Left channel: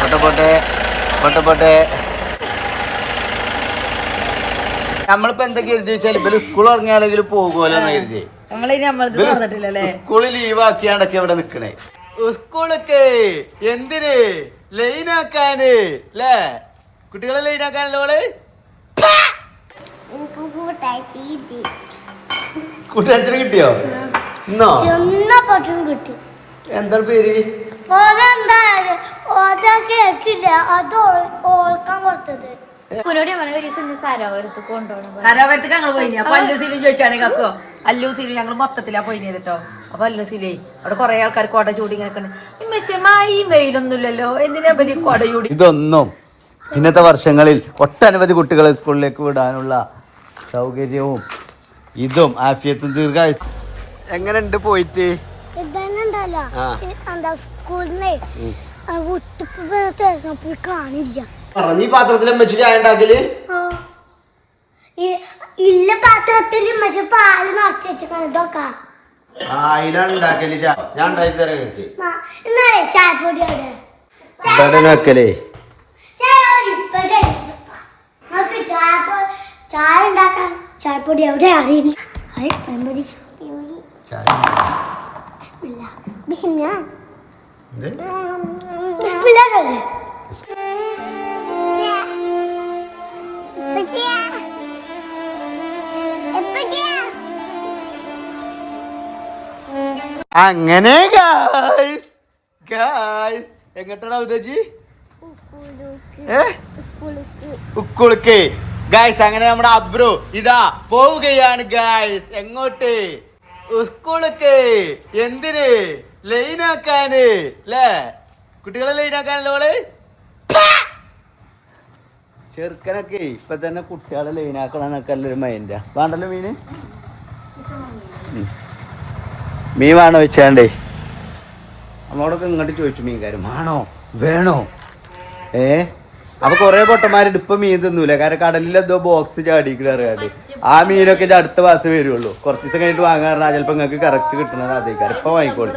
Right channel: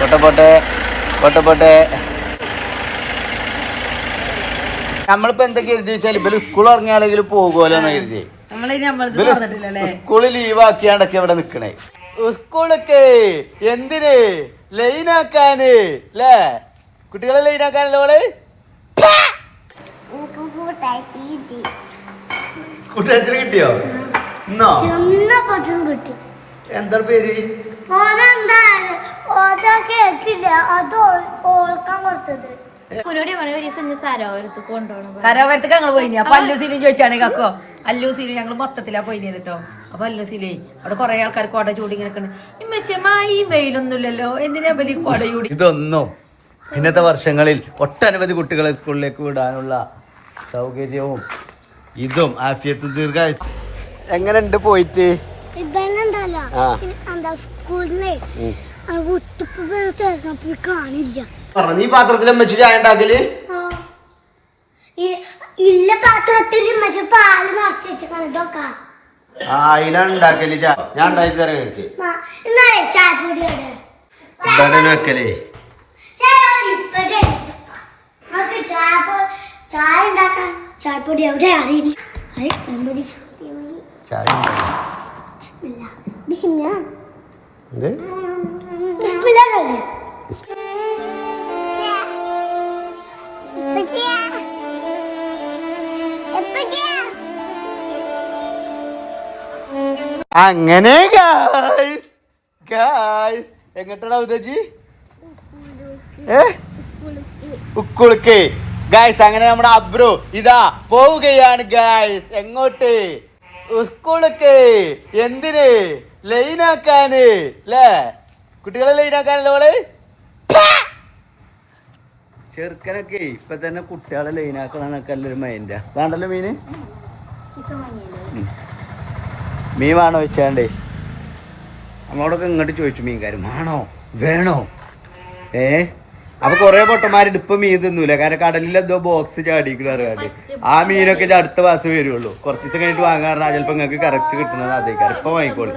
പോട്ടെ. നമ്മളിപ്പോ എന്തൊക്കെ എഴുതി വെച്ചാൽ ഇവര് സ്കൂൾ ഇറങ്ങിയാലെങ്കിൽ പോകുമല്ലോ എന്ന് കരുതി. സ്കൂളിൽ ലീവ് ആക്കിയാണ്ടൊക്കെ ഇവിടെ നിക്കണേ. സ്കൂളൊക്കെ എന്തിന് ലൈനാക്കാന് അല്ലേ? കുട്ടികളെ ലൈനാക്കാനല്ലോ അവള്. കൂട്ടുകാരത്തിന് കിട്ടിയോ? ഇന്നോ എന്താ പേര്? സരോവരത്തേക്ക് ഞങ്ങൾ പോയി. അപ്പൊ അല്ലൂസിലും ചോദിച്ചാണ് കക്കോ അല്ലൂസിലും ഞങ്ങൾ മൊത്തത്തിലാ പോയി കേട്ടോ. അപ്പൊ അല്ലൂസിലേ അവിടെ കുറെ ആൾക്കാർ കൊട ചൂടി ഇങ്ങനെ ഈ വെയിലൊന്നും ഇല്ലല്ലോ, എന്തിനാ വലിയ കൊട ചൂടി. ഇതൊന്നും ഇന്നത്തെ വർഷങ്ങളിൽ ഒട്ടനവധി കുട്ടികളെ സ്കൂളിലേക്ക് വിടാനുള്ള സൗകര്യവും ഇതും ആഫിയത്തും ദീർഘായുസ്. എങ്ങനെയുണ്ട് പോയിട്ട്? നീ പാത്രത്തിലും വെച്ച് ചായ ഉണ്ടാക്കല്? ഇല്ല പാത്രത്തിൽ പാല് നിറച്ച് വെച്ചിട്ടാണ് ഇതൊക്കെ. അതിലാണ് ഉണ്ടാക്കല്. ഞാൻ ഉണ്ടാക്കി തരാം എനിക്ക്. ചായപ്പൊടിയാണ് വെക്കലേ. ചായ ഉണ്ടാക്കാൻ ചായപ്പൊടി എവിടെ അറിയില്ല. അങ്ങനെ എങ്ങോട്ടാണ് ഉദജി? ഉക്കുളുക്ക് ഗായ്സ്. അങ്ങനെ നമ്മുടെ അബ്രു ഇതാ പോവുകയാണ് ഗായ്സ്. എങ്ങോട്ട്? സ്കൂൾക്ക്. എന്തിന്? ലൈനാക്കാന് അല്ലേ? കുട്ടികളെ ലൈനാക്കാനല്ലോ അവള്. ചെറുക്കനൊക്കെ ഇപ്പൊ തന്നെ കുട്ടികളെ ലൈനാക്കണമെന്നൊക്കെ അല്ലൊരു മൈൻഡാ. വേണ്ടല്ലോ മീന്? മീൻ വേണോ വെച്ചാണ്ടേ നമ്മളോടൊക്കെ ഇങ്ങോട്ട് ചോദിച്ചു മീൻകാരും വേണോ വേണോ. അപ്പൊ കൊറേ പൊട്ടന്മാരുണ്ട് ഇപ്പൊ മീൻ തിന്നൂല. കാരണം കടലിൽ എന്തോ ബോക്സ് ചാടിക്കറിയാണ്ട് ആ മീനൊക്കെ അടുത്ത മാസം വരുള്ളൂ. കുറച്ച് ദിവസം കഴിഞ്ഞിട്ട് വാങ്ങാറുണ്ട്. ചിലപ്പോ നിങ്ങൾക്ക് കറക്റ്റ് കിട്ടുന്നത് അതേക്കാരം. ഇപ്പൊ വാങ്ങിക്കോളൂ.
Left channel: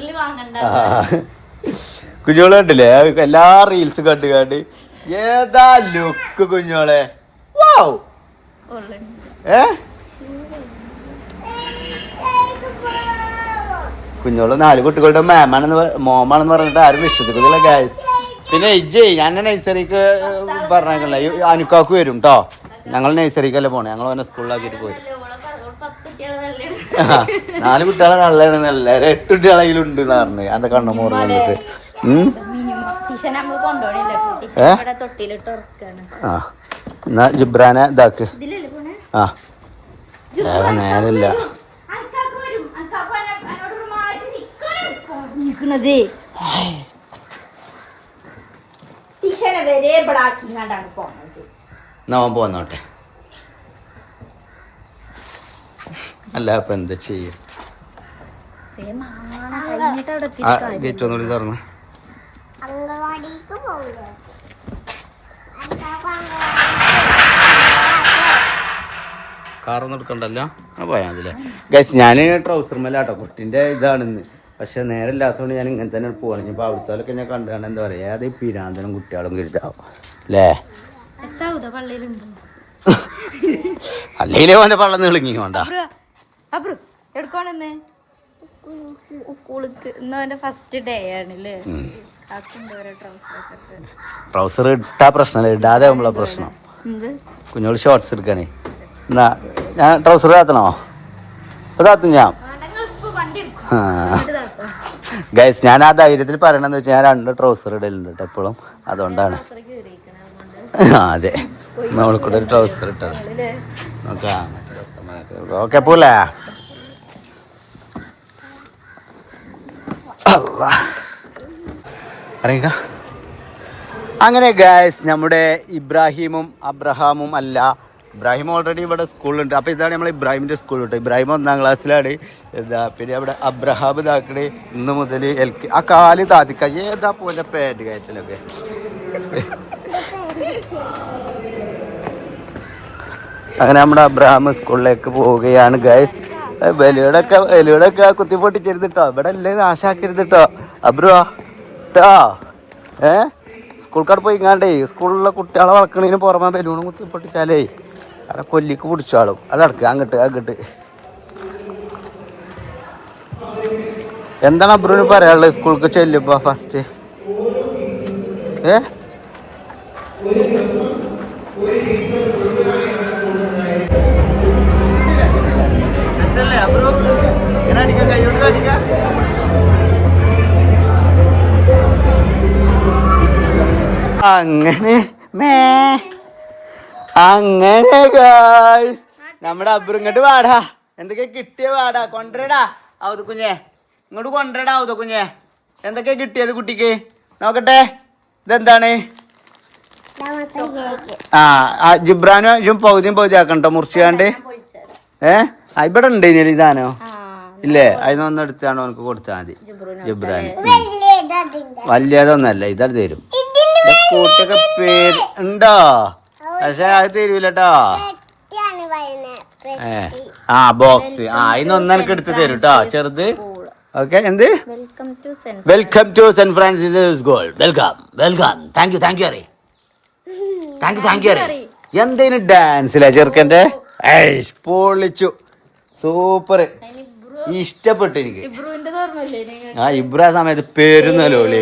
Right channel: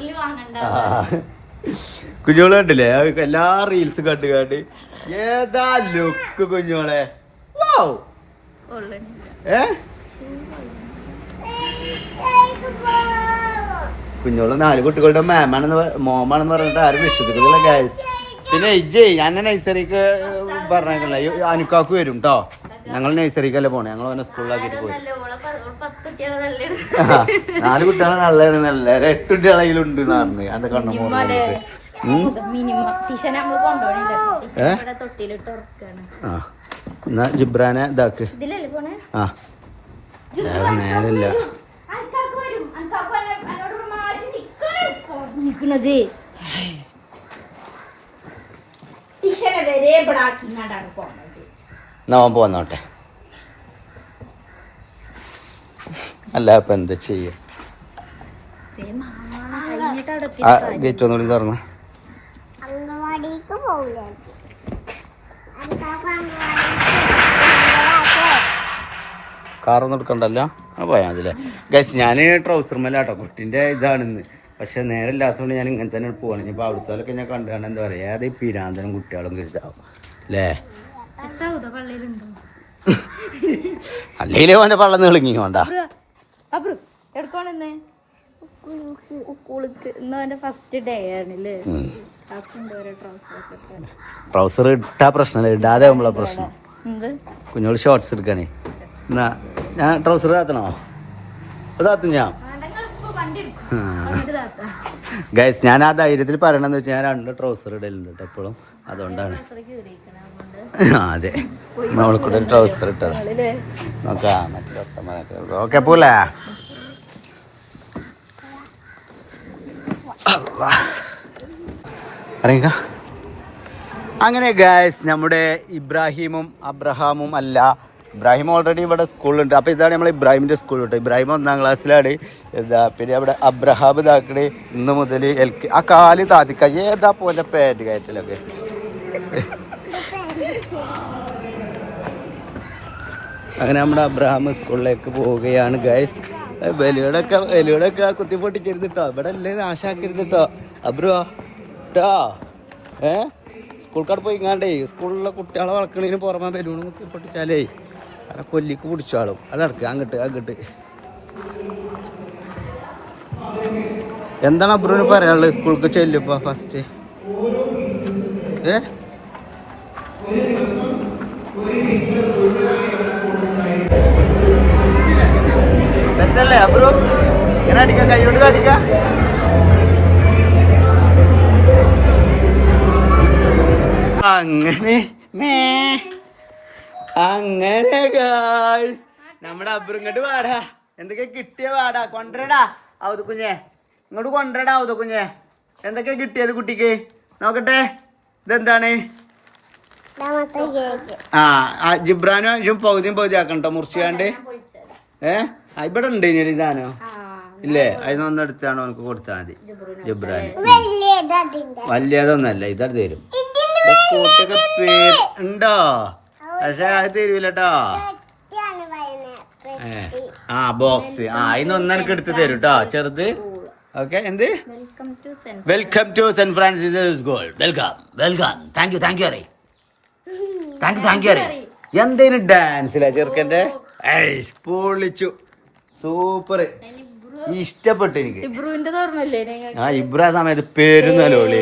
കുഞ്ഞോള് കണ്ടില്ലേ എല്ലാ റീൽസ് കണ്ട് ഏതാ ലുക്ക് കുഞ്ഞോളെ. കുഞ്ഞോള് 4 കുട്ടികളുടെ മോമാണെന്ന് പറഞ്ഞിട്ട് ആരും വിശ്വസിക്കുന്നില്ല ഗായ്സ്. പിന്നെ ഞാൻ നഴ്സറിക്ക് പറഞ്ഞേക്കല്ല, അനുക്കാക്ക് വരും കേട്ടോ. ഞങ്ങൾ നഴ്സറിക്കല്ലേ പോണേ. ഞങ്ങൾ അവനെ സ്കൂളിലാക്കിട്ട് പോയി. 4 കുട്ടികളെ നല്ലതാണെന്നല്ല 8 കുട്ടികളെങ്കിലും ഉണ്ട് എന്ന് പറഞ്ഞു എന്റെ കണ്ണു മോറിട്ട്. എന്നാ ജിബ്രാനെ ഇതാക്ക്. നേരല്ല നവൻ പോന്നോട്ടെ. അല്ല ഇപ്പൊ എന്താ ചെയ്യ? ഗേറ്റ് ഒന്നുകൂടി തുറന്ന. കാറൊന്നും എടുക്കണ്ടല്ലോ. പോയാ മതില്ലേ ഗൈസ്. ഞാൻ ട്രൗസർ മേലാട്ടോ കുട്ടിന്റെ ഇതാണെന്ന്. പക്ഷെ നേരെ ഇല്ലാത്തതുകൊണ്ട് ഞാൻ ഇങ്ങനെ തന്നെ പോവാണ്. ഇനിയിപ്പോൾ അവിടുത്തോലൊക്കെ ഞാൻ കണ്ടാണ് എന്താ പറയാ ഏത് പിരാന്തനും കുട്ടികളും കരുതാവും അല്ലേ? അല്ലെങ്കിൽ അവന്റെ പള്ളം തെളിങ്ങി കൊണ്ടാ. ട്രൗസർ ഇട്ടാ പ്രശ്നമല്ല, ഇടാതെ ആവുമ്പോഴാ പ്രശ്നം. കുഞ്ഞോള് ഷോർട്സ് എടുക്കാനേ. എന്നാ ഞാൻ ട്രൗസർ താത്തണോ? താത്തും ഞാൻ. ഗൈസ് ഞാൻ ആ ധൈര്യത്തിൽ പറയണെന്ന് വെച്ചാൽ ഞാൻ 2 ട്രൗസർ ഇടലുണ്ട് കേട്ടോ എപ്പോഴും. അതുകൊണ്ടാണ്. അതെ നമ്മളെ കൂടെ ഒരു ട്രൗസർ ഇട്ടത് നോക്കാം. മറ്റേ ഓക്കെ പോലെ അറിയുക. അങ്ങനെ ഗൈസ് നമ്മുടെ ഇബ്രാഹിമും അബ്രഹാമും അല്ല, ഇബ്രാഹിം ഓൾറെഡി ഇവിടെ സ്കൂളിലുണ്ട്. അപ്പോൾ ഇതാണ് നമ്മൾ ഇബ്രാഹിമിൻ്റെ സ്കൂൾ കേട്ടോ. ഇബ്രാഹിം 1ാം ക്ലാസ്സിലാണ്. എന്താ പിന്നെ അവിടെ അബ്രഹാം ഇതാക്കണേ ഇന്ന് മുതൽ ആ കാല് താത്തിക്ക ഏതാ പോലെ പാൻറ് കയറ്റലൊക്കെ. അങ്ങനെ നമ്മുടെ അബ്രഹാം സ്കൂളിലേക്ക് പോവുകയാണ് ഗൈസ്. വെലിയോടൊക്കെ കുത്തിപ്പൊട്ടിക്കരുത് കേട്ടോ. ഇവിടെ അല്ലേ നാശാക്കരുത് കേട്ടോ അബ്രുവാ കേട്ടോ. സ്കൂൾക്കാട് പോയിങ്ങാണ്ടേ സ്കൂളിലുള്ള കുട്ടികളെ വളക്കണതിന് പുറമെ ബലൂണും കുത്തി പൊട്ടിച്ചാലേ അവിടെ കൊല്ലിക്ക് പിടിച്ചാളും അതടക്ക് അങ്ങോട്ട് എന്താണ് അബ്രുവിന് പറയാനുള്ളത് സ്കൂൾക്ക് ചെല്ലുമ്പോ ഫസ്റ്റ് തെറ്റല്ലേ അബ്രു ഇങ്ങനെ അടിക്ക കൈ കൊണ്ട് അടിക്ക അങ്ങനെ ഗായ്സ് നമ്മുടെ അബ്രു ഇങ്ങോട്ട് വാടാ എന്തൊക്കെ കിട്ടിയ വാടാ കൊണ്ടുവരടാ ഔത് കുഞ്ഞെ ഇങ്ങോട്ട് കൊണ്ടുവരടാ ഔത് കുഞ്ഞെ എന്തൊക്കെ കിട്ടിയത് കുട്ടിക്ക് നോക്കട്ടെ ഇതെന്താണ് ജിബ്രാനും പൗതിയും ആക്കണ്ടോ മുറിച്ചാണ്ട് ഇവിടെ ഉണ്ട് ഇനി ഇതാനോ ഇല്ലേ അതിനൊന്നും എടുത്താണോ എനിക്ക് കൊടുത്താൽ മതി ജിബ്രാന് വലിയതൊന്നല്ല ഇതത് തരും കൂട്ടൊക്കെ പേര് ഉണ്ടോ പക്ഷെ അത് തരൂലട്ടോ ബോക്സ് അതിനൊന്നും എനിക്ക് എടുത്ത് തരും കേട്ടോ ചെറുത് ഓക്കെ എന്ത് welcome to Saint Francis school welcome thank you അറേ താങ്ക് യു അറേ എന്തേലും ഡാൻസിലാ ചെറുക്കൻ്റെ പൊളിച്ചു സൂപ്പർ ഇഷ്ടപ്പെട്ടു എനിക്ക് ഇബ്രു ആ സമയത്ത് പേരുന്നല്ലോളി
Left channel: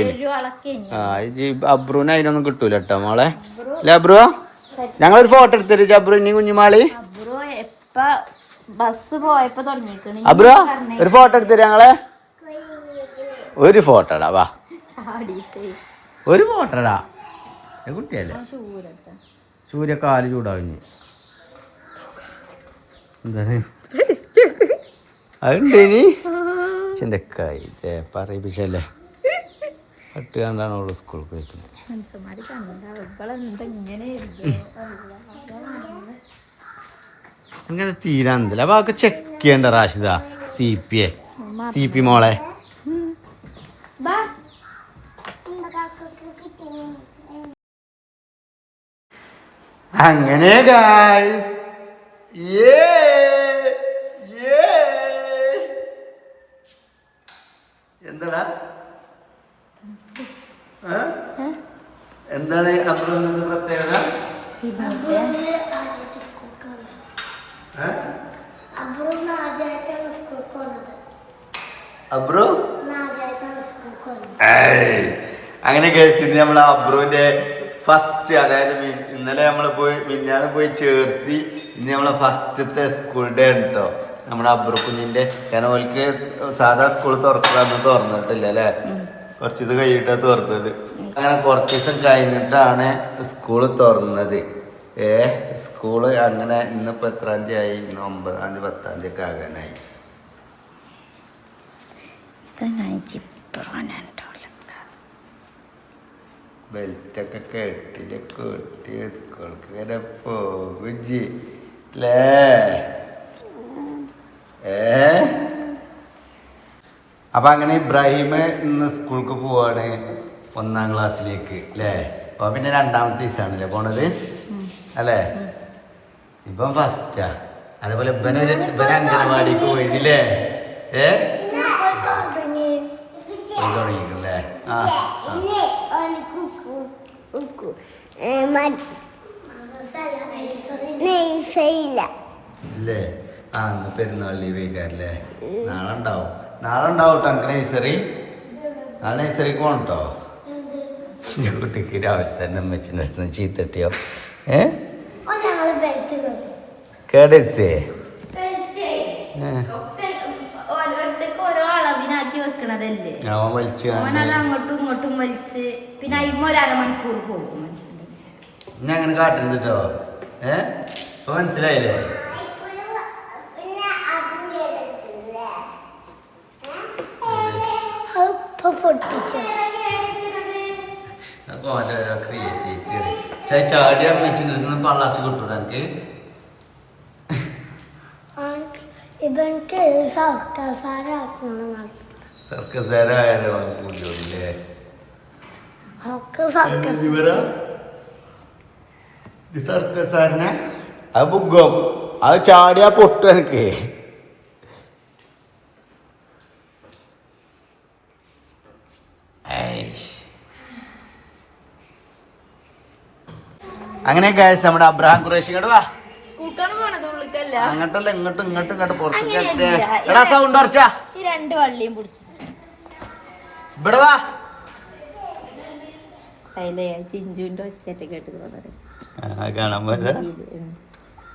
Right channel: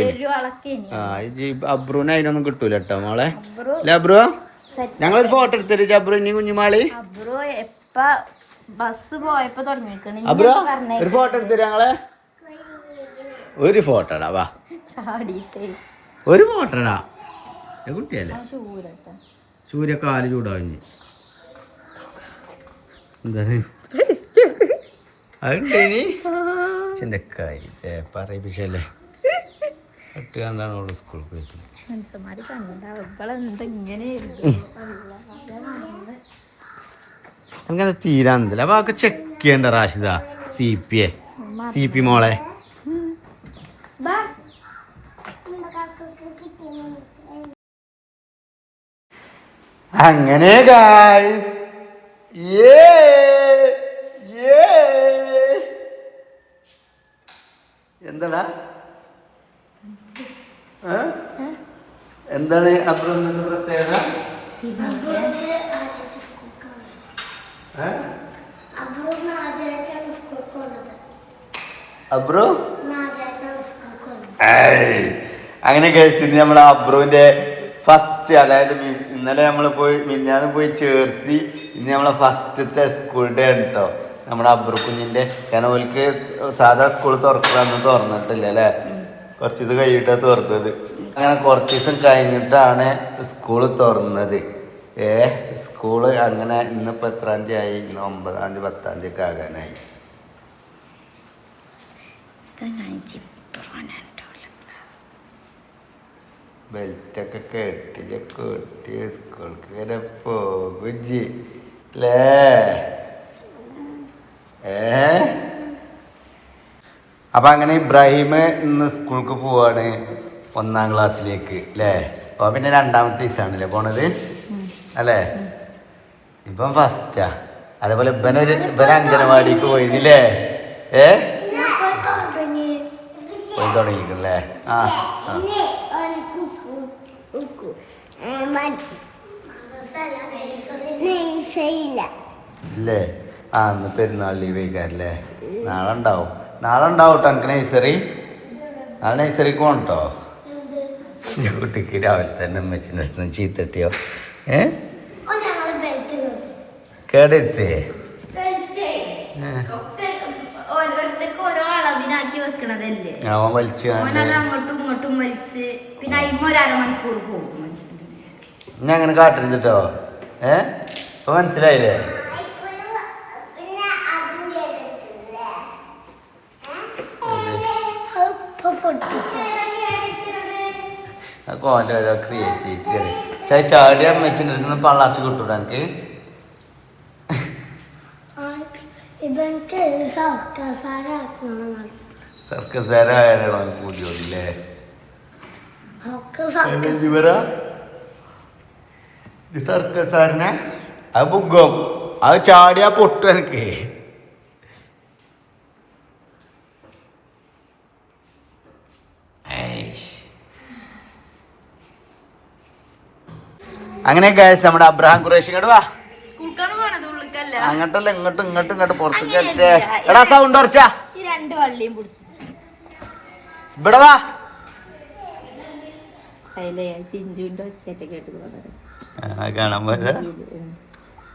അബ്രുവിന് അതിനൊന്നും കിട്ടൂല കേട്ടോ മോളെ അല്ലെ അബ്രു ഞങ്ങളൊരു ഫോട്ടോ എടുത്തരും അബ്രു ഇനി കുഞ്ഞുമാളി ബസ് പോയപ്പോ അബ്രു ഒരു ഫോട്ടോ എടുത്തരും ഞങ്ങളെ ഒരു ഫോട്ടോടാ വാ ഒരു ഫോട്ടോടാ കുട്ടിയല്ലേ സൂര്യക്കാല് ചൂടാവിഞ്ഞ് എന്താണ് അതുണ്ടേനി ചിന്തക്കായി പറയിപ്പിച്ചല്ലേ കുട്ടി കണ്ടാണ് അവള് സ്കൂളിൽ പോയിട്ടുള്ളത് അങ്ങനെ തീരാന്നില്ല അപ്പൊ അതൊക്കെ ചെക്ക് ചെയ്യണ്ട റാഷിദ സി പി മോളെ അങ്ങനെ ഗായ്സ് എന്താടാ എന്താണ് അബ്രുവിന് പ്രത്യേകത അബ്രു അങ്ങനെ കേസിന് നമ്മളെ അബ്രുവിന്റെ ഫസ്റ്റ് അതായത് ഇന്നലെ നമ്മൾ മിന്നാന്ന് പോയി ചേർത്തി ഇന്ന് നമ്മളെ ഫസ്റ്റത്തെ സ്കൂൾ ഡേ കേട്ടോ നമ്മുടെ അബ്രു കുഞ്ഞിന്റെ കാരണം ഓൽക്ക് സാധാ സ്കൂൾ തുറക്കാന്ന് തുറന്നിട്ടില്ല അല്ലേ കുറച്ച് ദിവസം കഴിഞ്ഞിട്ടാ തുറന്നത് അങ്ങനെ കുറച്ച് ദിവസം കഴിഞ്ഞിട്ടാണ് സ്കൂള് തുറന്നത് സ്കൂള് അങ്ങനെ ഇന്നിപ്പോ എത്രാം തീയതി ആയി ഇന്ന് 9-ാം തീയതി 10-ാം തീയതി ഒക്കെ ആകാനായി ബെൽറ്റൊക്കെ കെട്ടി സ്കൂൾക്ക് വരെ പോകുജി അല്ലേ അപ്പൊ അങ്ങനെ ഇബ്രാഹിം ഇന്ന് സ്കൂൾക്ക് പോവാണ് 1-ാം ക്ലാസ്സിലേക്ക് അല്ലേ അപ്പൊ പിന്നെ 2ാമത്തെ ദിവസമാണല്ലേ പോണത് അല്ലേ ഇപ്പം ഫസ്റ്റാ അതേപോലെ ഇവനെ അംഗനവാടിക്ക് പോയില്ലേ പോയി തുടങ്ങിക്കല്ലേ ഇല്ലേ ഇന്ന് പെരുന്നാൾ ലീവ് കഴിക്കാറില്ലേ നാളെ ഉണ്ടാവും കേട്ടോ എനിക്ക് നഴ്സറി നാളെ നഴ്സറിക്ക് പോകണട്ടോ കുട്ടിക്ക് രാവിലെ തന്നെ അമ്മച്ചിൻ്റെ ചീത്തട്ടിയോ കേടെടുത്തേ അവൻ വലിച്ചു ഞാൻ അങ്ങനെ കാട്ടരുത് കേട്ടോ ഇപ്പൊ മനസ്സിലായില്ലേ ക്രിയേറ്റിവിറ്റി ചാടി അമ്മച്ചിൻ്റെ അടുത്ത് നിന്ന് പള്ളാശ് കിട്ടൂടാ എനിക്ക് സർക്കസാരായാലോ കൂടിയോല്ലേ സർക്കസാറിനെ അത് ബുഗം അത് ചാടിയാ പൊട്ടു എനിക്ക് അങ്ങനെ ഗൈസ് നമ്മുടെ അബ്രഹാം ഖുറേഷി ഇങ്ങോട്ട് വാ. അങ്ങോട്ടല്ല ഇങ്ങോട്ട് പുറത്തേക്ക്. എടാ സൗണ്ട് ഉറച്ചാ ഇവിടെ വാ. ചിഞ്ചുവിന്റെ ഒച്ചയായിട്ട് കേട്ട് കാണാൻ പോയത്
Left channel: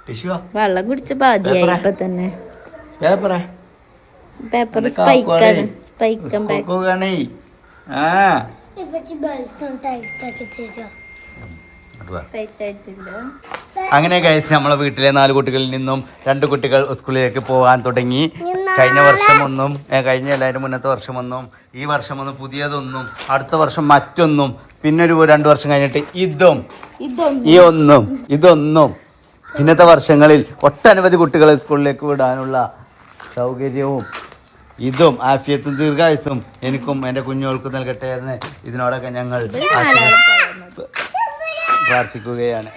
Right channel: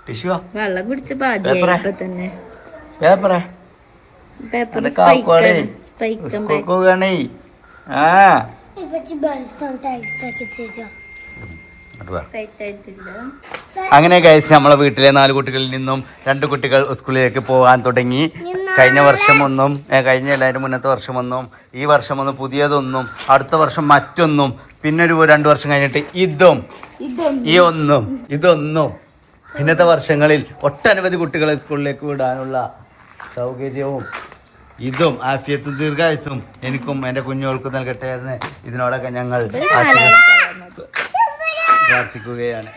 ടിഷ്യൂ വെള്ളം കുടിച്ച പാതിയായി തന്നെ പേപ്പറേ പേപ്പർ അങ്ങനെ ഗൈസ് നമ്മളെ വീട്ടിലെ 4 കുട്ടികളിൽ നിന്നും 2 കുട്ടികൾ സ്കൂളിലേക്ക് പോകാൻ തുടങ്ങി. കഴിഞ്ഞ വർഷം ഒന്നും കഴിഞ്ഞ എല്ലാവരും മുന്നത്തെ വർഷം ഒന്നും ഈ വർഷം ഒന്നും പുതിയതൊന്നും അടുത്ത വർഷം മറ്റൊന്നും പിന്നെ ഒരു 2 വർഷം കഴിഞ്ഞിട്ട് ഇതൊന്നും ഇന്നത്തെ വർഷങ്ങളിൽ ഒട്ടനവധി കുട്ടികളെ സ്കൂളിലേക്ക് വിടാനുള്ള സൗകര്യവും ഇതും ആഫിയത്തും ദീർഘായുസും എനിക്കും എൻ്റെ കുഞ്ഞുങ്ങൾക്കും നൽകട്ടെ എന്ന് ഇതിനോടൊക്കെ ഞങ്ങൾ പ്രാർത്ഥിക്കുകയാണ്.